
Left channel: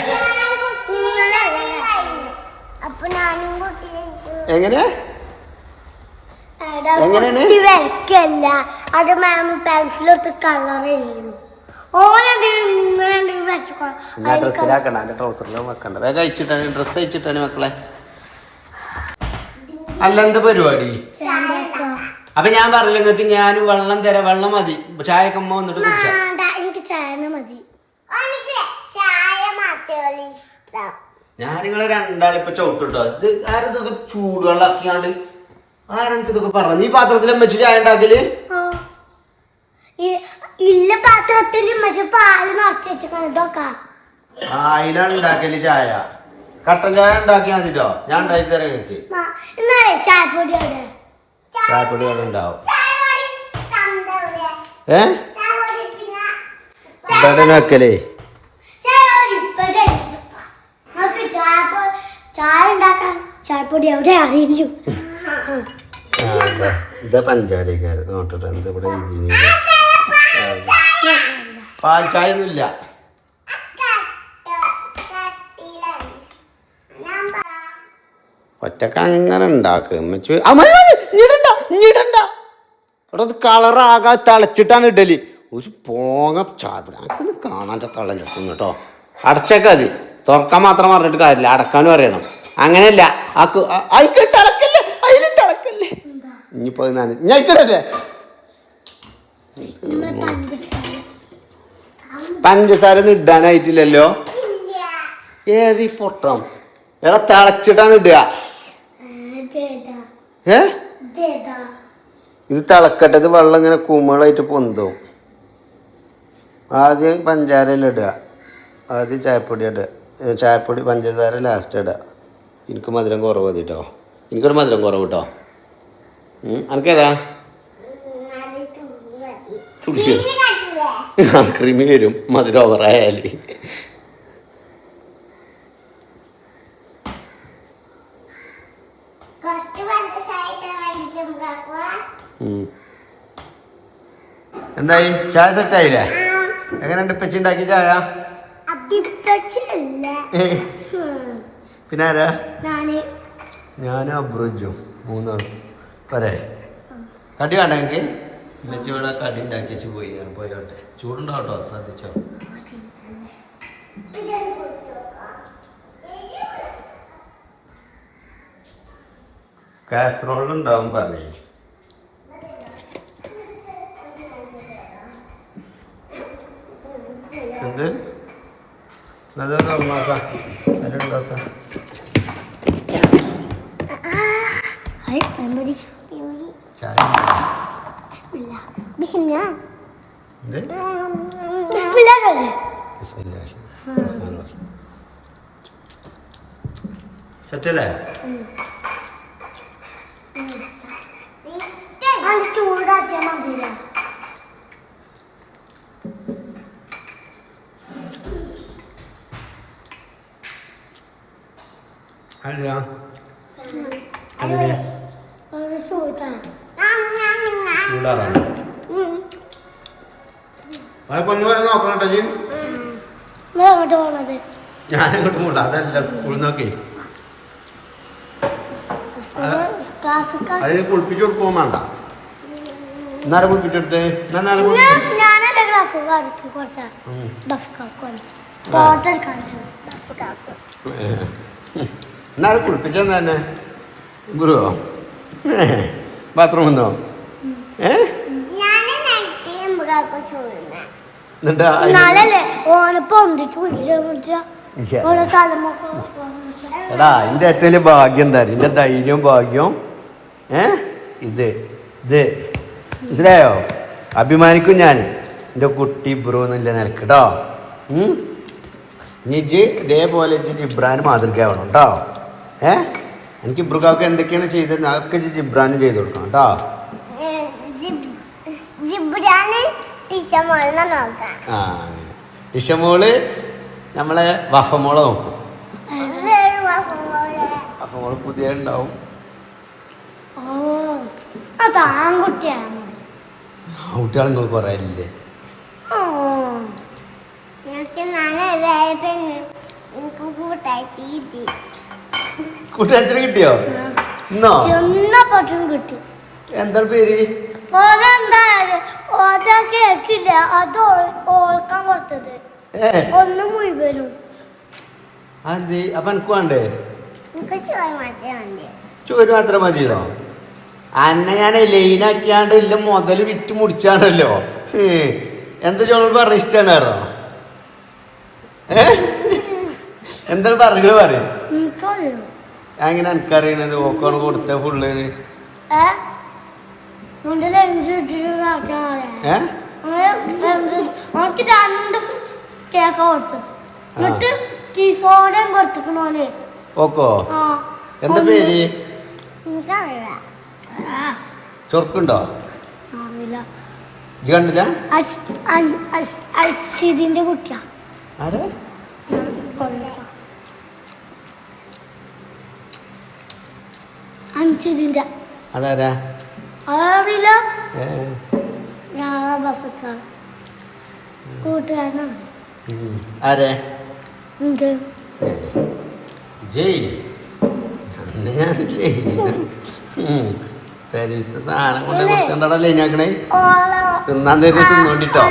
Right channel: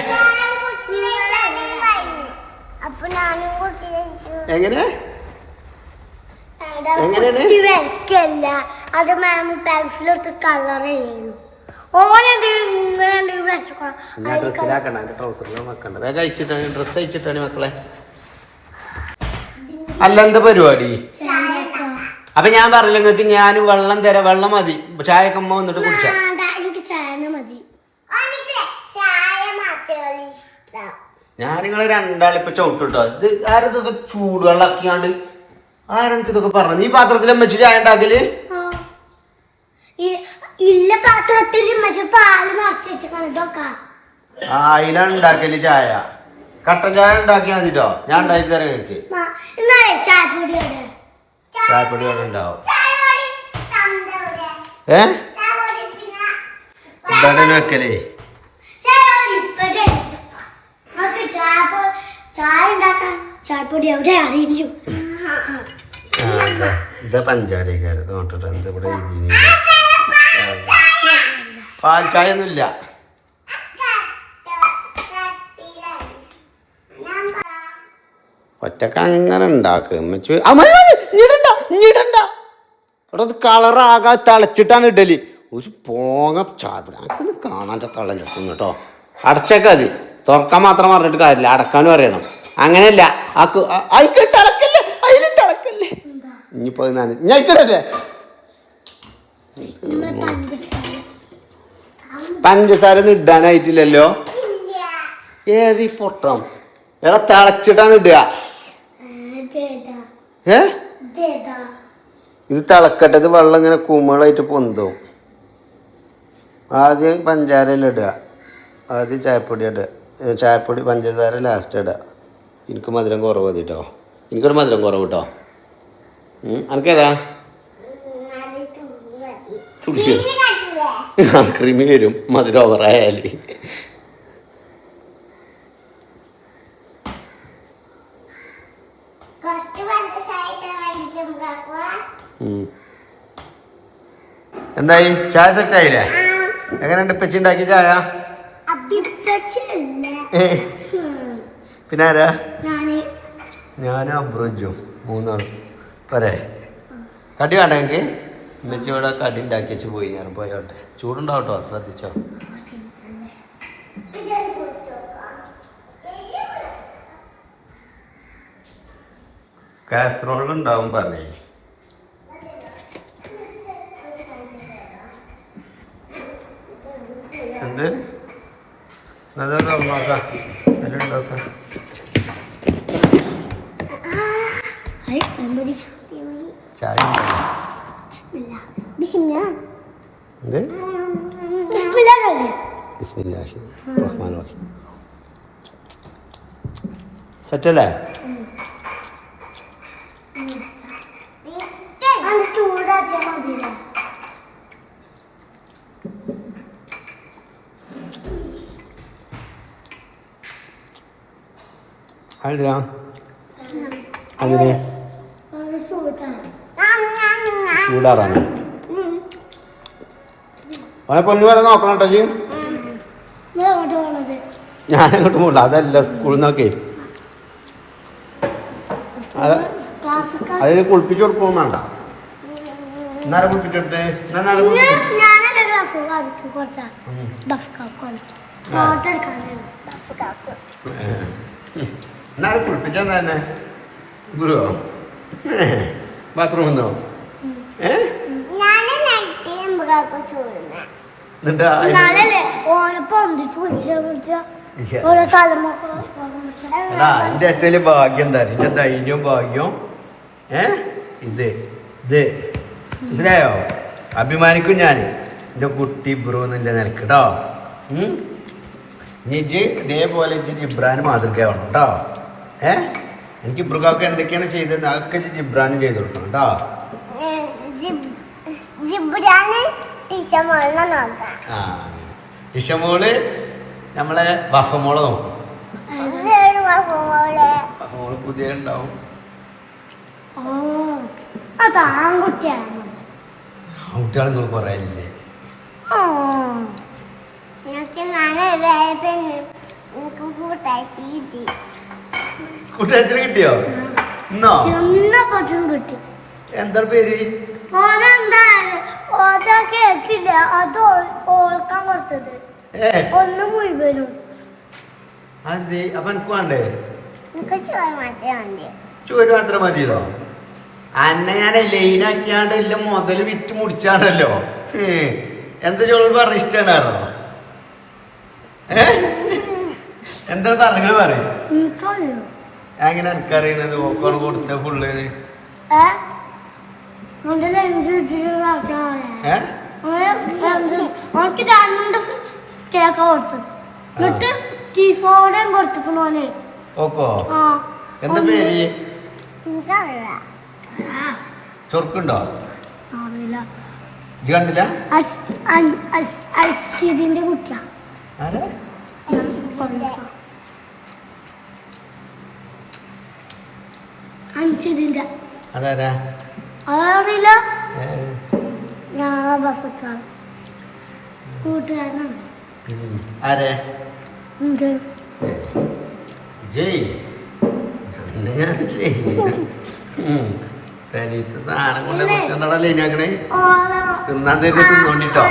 എങ്ങനെയാണ് അത് മാം പെൻസിലെടുത്ത് കളർ ചെയ്യുന്നു ഞാൻ ഡ്രസ്സിലാക്കണ്ട എന്റെ ട്രൗസറിലും വെക്കണ്ട വേഗം അയച്ചിട്ടാണ് ഡ്രസ്സ് അയച്ചിട്ടാണ് മക്കളെ അല്ല എന്താ പരിപാടി അപ്പൊ ഞാൻ പറഞ്ഞു നിങ്ങൾക്ക് ഞാൻ വെള്ളം തരാം വെള്ളം മതി ചായക്ക് അമ്മ വന്നിട്ട് കുടിച്ചാ ഞാൻ നിങ്ങളെ രണ്ടാളിപ്പൊ ചവിട്ടിട്ടോ ഇത് ആരതൊക്കെ ചൂടുവെള്ളം ആക്കിയാണ്ട് ആരെനിക്ക് ഇതൊക്കെ പറഞ്ഞു ഈ പാത്രത്തിൽ വെച്ച് ചായ ഉണ്ടാക്കല് ഇല്ല പാത്രത്തിൽ പാല് നിറച്ച് വെച്ചിട്ടാണ് ഇതൊക്കെ അതിലുണ്ടാക്കല് ചായ കട്ടൻ ചായ ഉണ്ടാക്കിയാൽ മതിട്ടോ ഞാൻ ഉണ്ടാക്കി തരാം എനിക്ക് ചായപ്പൊടി അവിടെ ഉണ്ടാവും എന്താണ് വെക്കലേ ചായ ഉണ്ടാക്കാൻ ചായപ്പൊടി എവിടെ അറിയിക്കും ഇതാ പഞ്ചാരക്കാര് നോട്ടിട്ട് എന്താ ഇവിടെ പാൽ ചായ ഒന്നുമില്ല ഒറ്റക്ക് അങ്ങനെ ഉണ്ടാക്കും ഇവിടെ കളറാകാ തിളച്ചിട്ടാണ് ഇഡലി ഒരു പോങ്ങ ചായ കാണാൻ തളം ചെത്തുന്നു കേട്ടോ അടച്ചേക്ക മതി തുറക്കാൻ മാത്രം പറഞ്ഞിട്ട് കാര്യമില്ല അടക്കാനും അറിയണം അങ്ങനെയല്ല അതിലിട്ട് അടക്കല്ലേ ഇനിയിപ്പോ ഞാൻ ഇക്കടല്ലേ പഞ്ചസാര ഒന്നും ഇടാനായിട്ടില്ലല്ലോ ഏത് പൊട്ടം എടാ തിളച്ചിട്ടാണ് ഇടുക. ഏ ഇത് തിളക്കട്ടെ. ഇത് വെള്ളം ഇങ്ങനെ കുമിളായിട്ട് പൊന്തും. ആദ്യം പഞ്ചാരയിൽ ഇടുക, ആദ്യം ചായപ്പൊടി ഇടുക, ചായപ്പൊടി പഞ്ചസാര ലാസ്റ്റ് ഇടുക. എനിക്ക് മധുരം കുറവ് മതി കേട്ടോ. എനിക്കൊരു മധുരം കുറവ് കേട്ടോ. എനിക്കേതാ ക്രീമി വരും മധുരം ഓവറായാൽ. എന്തായി ചായ സെറ്റായില്ലേ? എങ്ങനെയുണ്ട് ഇപ്പച്ചി ഉണ്ടാക്കി ചായ? പിന്നെ ആരാ? ഞാനും അബ്രുജും മൂന്നാളും പോരെ. കടി വേണ്ട എനിക്ക്? ഇന്നത്തെ ഇവിടെ കടി ഉണ്ടാക്കി വെച്ച് പോയി. ഞാൻ പോയോട്ടെ. ചൂടുണ്ടാവട്ടോ, ശ്രദ്ധിച്ചോ. കാസറോൾ ഉണ്ടാവും പറഞ്ഞേ. എന്ത് നല്ലോക്കാം അതിലുണ്ടാക്കാം. ചായ സെറ്റല്ലേ? ചൂടാറാണ്. പൊന്നു വരെ നോക്കണം കേട്ടോ. ഞാനിങ്ങോട്ട് പോകണ്ട. അതല്ല സ്കൂളിൽ നിന്നൊക്കെ അത് കുളിപ്പിച്ച് കൊടുക്കുകയും വേണ്ട. എന്നാലും കുളിപ്പിച്ചെടുത്തേ. എന്നാലും കുളിപ്പിച്ചെന്താ തന്നെ ഗുരുവോ? ബാത്റൂമിൽ നിന്നോ? എടാ എന്റെ ഏറ്റവും വലിയ ഭാഗ്യം എന്താ? എന്റെ ധൈര്യവും ഭാഗ്യവും ഇത് ഇത് മനസ്സിലായോ? അഭിമാനിക്കും ഞാൻ എന്റെ കുട്ടി ബ്രോ എന്നില്ല നിനക്ക് കേട്ടോ. ഇനി ഇതേപോലെ ജിബ്രാന് മാതൃകയാവണം കേട്ടോ. എനിക്ക് ഇബ്രുഖാക്ക് എന്തൊക്കെയാണ് ചെയ്തത് അതൊക്കെ ജിബ്രാനും ചെയ്ത് കൊടുക്കണം കേട്ടോ. ടിഷമോള് നമ്മളെ വഫമോളെ നോക്കും. വഫമോള് പുതിയ ഉണ്ടാവും. കുട്ടികൾ നിങ്ങൾ കൊറേ ഇല്ലേ? കൂട്ടുകാരത്തിന് കിട്ടിയോ? ഇന്നോ കിട്ടി. എന്താ പേര്? കേക്കില്ല, അത് ഓൾക്കാൻ കൊടുത്തത് ഒന്ന് മുഴുവനും. അതെ. അപ്പൊ എനിക്ക് വേണ്ടേ? ചോറ് മാത്രം മതിയോ? അന്നെ ഞാൻ ലൈനാക്കിയാണ്ട് ഇല്ല മുതൽ വിറ്റ് മുടിച്ചാണല്ലോ. എന്താ ചോറ് പറഞ്ഞ ഇഷ്ടമാണോ? എന്താണ് പറഞ്ഞത് പറയും? അങ്ങനെ എനിക്കറിയണത് ഓക്കാണ് കൊടുത്ത ഫുള്ളിന്. കേക്ക കൊടുത്തത് എന്നിട്ട് ടീഫോണും കൊടുത്തിക്കണോനെ. ഓക്കോ എന്താ പേര്? ചൊറുക്കുണ്ടോ? കണ്ടില്ല? അശ്വതിന്റെ കുട്ടിയാ. അതാരാ? അറിയില്ല. ഞാനാ ബഫക്കാണ് കൂട്ടുകാരനാണ്. ആരെ? ജയ്. ഞാൻ പെരീത്തെ സാധനം കൊണ്ട് കൊടുക്കണ്ടടാ ലൈനാക്കണേ. തിന്നാൻ തരുന്ന തിന്നോണ്ടിട്ടോ.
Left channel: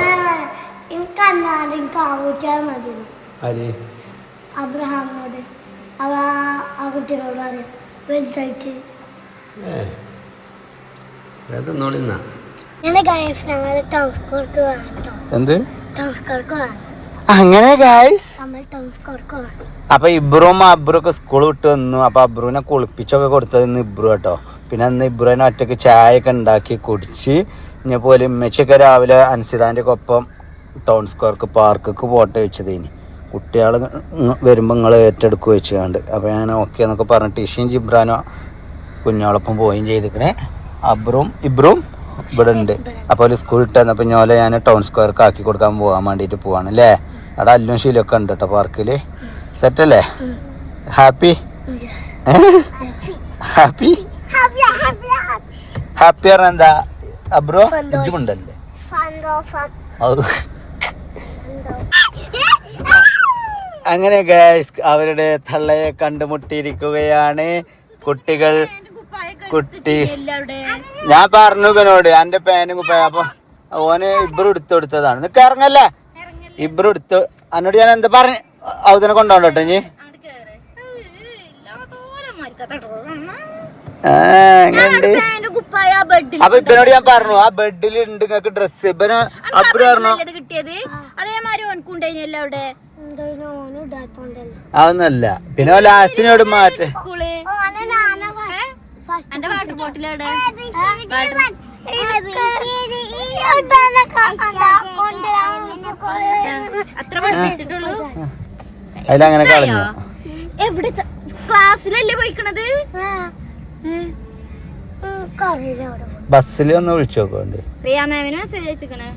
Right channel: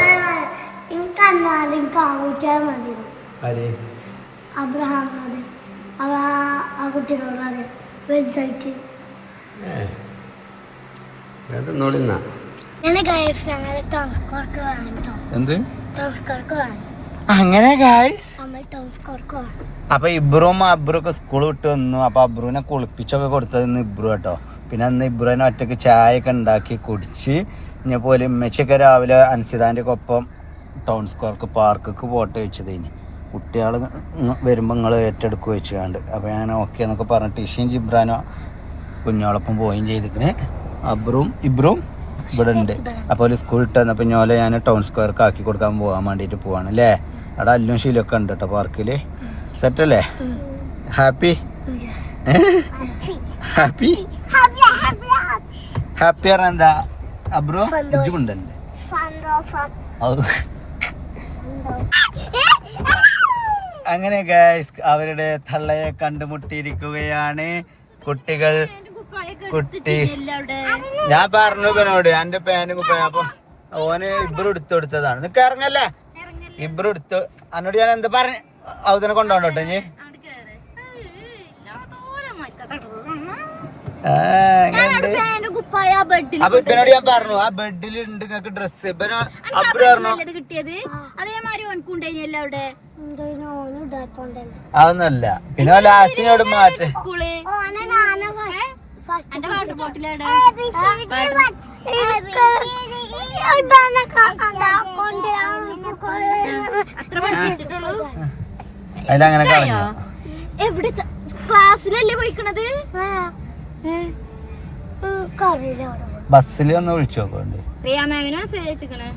ആര്? അബ്രഹാമിനോട് ആ കുട്ടിയോട് വലുതായിട്ട് തിന്നോളിന്നാ. ഞങ്ങള് ടൗസ്കർക്ക് വേണം. എന്ത് ടൗസ്കർക്ക് വേണം? അങ്ങനെ ഗായ്സ് നമ്മൾ ടൗൺ സ്കോർക്ക് അപ്പൊ ഇബ്രും അബ്രും ഒക്കെ സ്കൂൾ വിട്ട് വന്നു. അപ്പൊ അബ്രുവിനെ കുളിപ്പിച്ചൊക്കെ കൊടുത്തത് ഇന്ന് ഇബ്രു കേട്ടോ. പിന്നെ അന്ന് ഇബ്രുവിനെ ഒറ്റക്ക് ചായ ഒക്കെ ഉണ്ടാക്കി കുടിച്ച് ഇങ്ങനെ പോലെ ഉമ്മച്ചൊക്കെ രാവിലെ അൻസിതാൻ്റെ ഒപ്പം ടൗൺ സ്ക്വയർക്ക് പാർക്കൊക്കെ പോട്ടെ വെച്ചതേനി. കുട്ടികൾ വരുമ്പോൾ നിങ്ങൾ ഏറ്റെടുക്കുക വെച്ചുകൊണ്ട്. അപ്പോൾ അങ്ങനെ ഓക്കെ എന്നൊക്കെ പറഞ്ഞിട്ട് ഇഷയും ജിബ്രാനോ കുഞ്ഞോളൊപ്പം പോവുകയും ചെയ്തിരിക്കണേ. ഇബ്രും ഇവിടെ ഉണ്ട്. അപ്പോൾ ഒരു സ്കൂൾ ഇട്ട് തന്നപ്പോൾ ഞോലെ ഞാൻ ടൗൺ സ്ക്വയർക്ക് ആക്കി കൊടുക്കാൻ പോകാൻ വേണ്ടിയിട്ട് പോവാണ് അല്ലേ. അവിടെ അല്ലും ശീലമൊക്കെ ഉണ്ട് കേട്ടോ പാർക്കിൽ. സെറ്റല്ലേ? ഹാപ്പി ഹാപ്പി ഹാപ്പി പറഞ്ഞ എന്താ അബ്രോ ഉണ്ടല്ലേ. അങ്ങനെ ഗൈസ് അവരുടെ തള്ളയെ കണ്ടുമുട്ടിയിരിക്കുകയാണ് കുട്ടികൾ. ഞാൻ പറഞ്ഞു ഇവനോട് എന്റെ പേനും കുപ്പായ. അപ്പൊ ഓന് ഇബ്രു എടുത്തു കൊടുത്തതാണ്. നിനക്ക് ഇറങ്ങല്ലേ ഇബ്രു എടുത്തു. എന്നോട് ഞാൻ എന്താ പറഞ്ഞു അവതിനെ കൊണ്ടോണ്ടോ ഇനി. എങ്ങനെയുണ്ട്? അപ്പൊ ഇപ്പനോട് ഞാൻ പറഞ്ഞു ആ ബെഡിൽ ഉണ്ട് നിങ്ങക്ക് ഡ്രസ്. ഇപ്പനോ അബ്രു പറഞ്ഞു കിട്ടിയത് അതേമാതിരി ഓൻക്കുണ്ടായിനല്ലോ അവിടെ. അതൊന്നല്ല. പിന്നെ ലാസ്റ്റിനോട് മാറ്റി എന്റെ വാട്ടർ ബോട്ടിൽ അവിടെ അത്ര പഠിപ്പിച്ചിട്ടുള്ളൂ. അതിലങ്ങനെ എവിടെ ക്ലാസ്സിലല്ലേ പോയിക്കണത്? ബസ്സിൽ ഒന്ന് വിളിച്ചു നോക്കണ്ട്. പ്രിയ മാമിനെ മെസ്സേജ് അയച്ചിക്കണേ.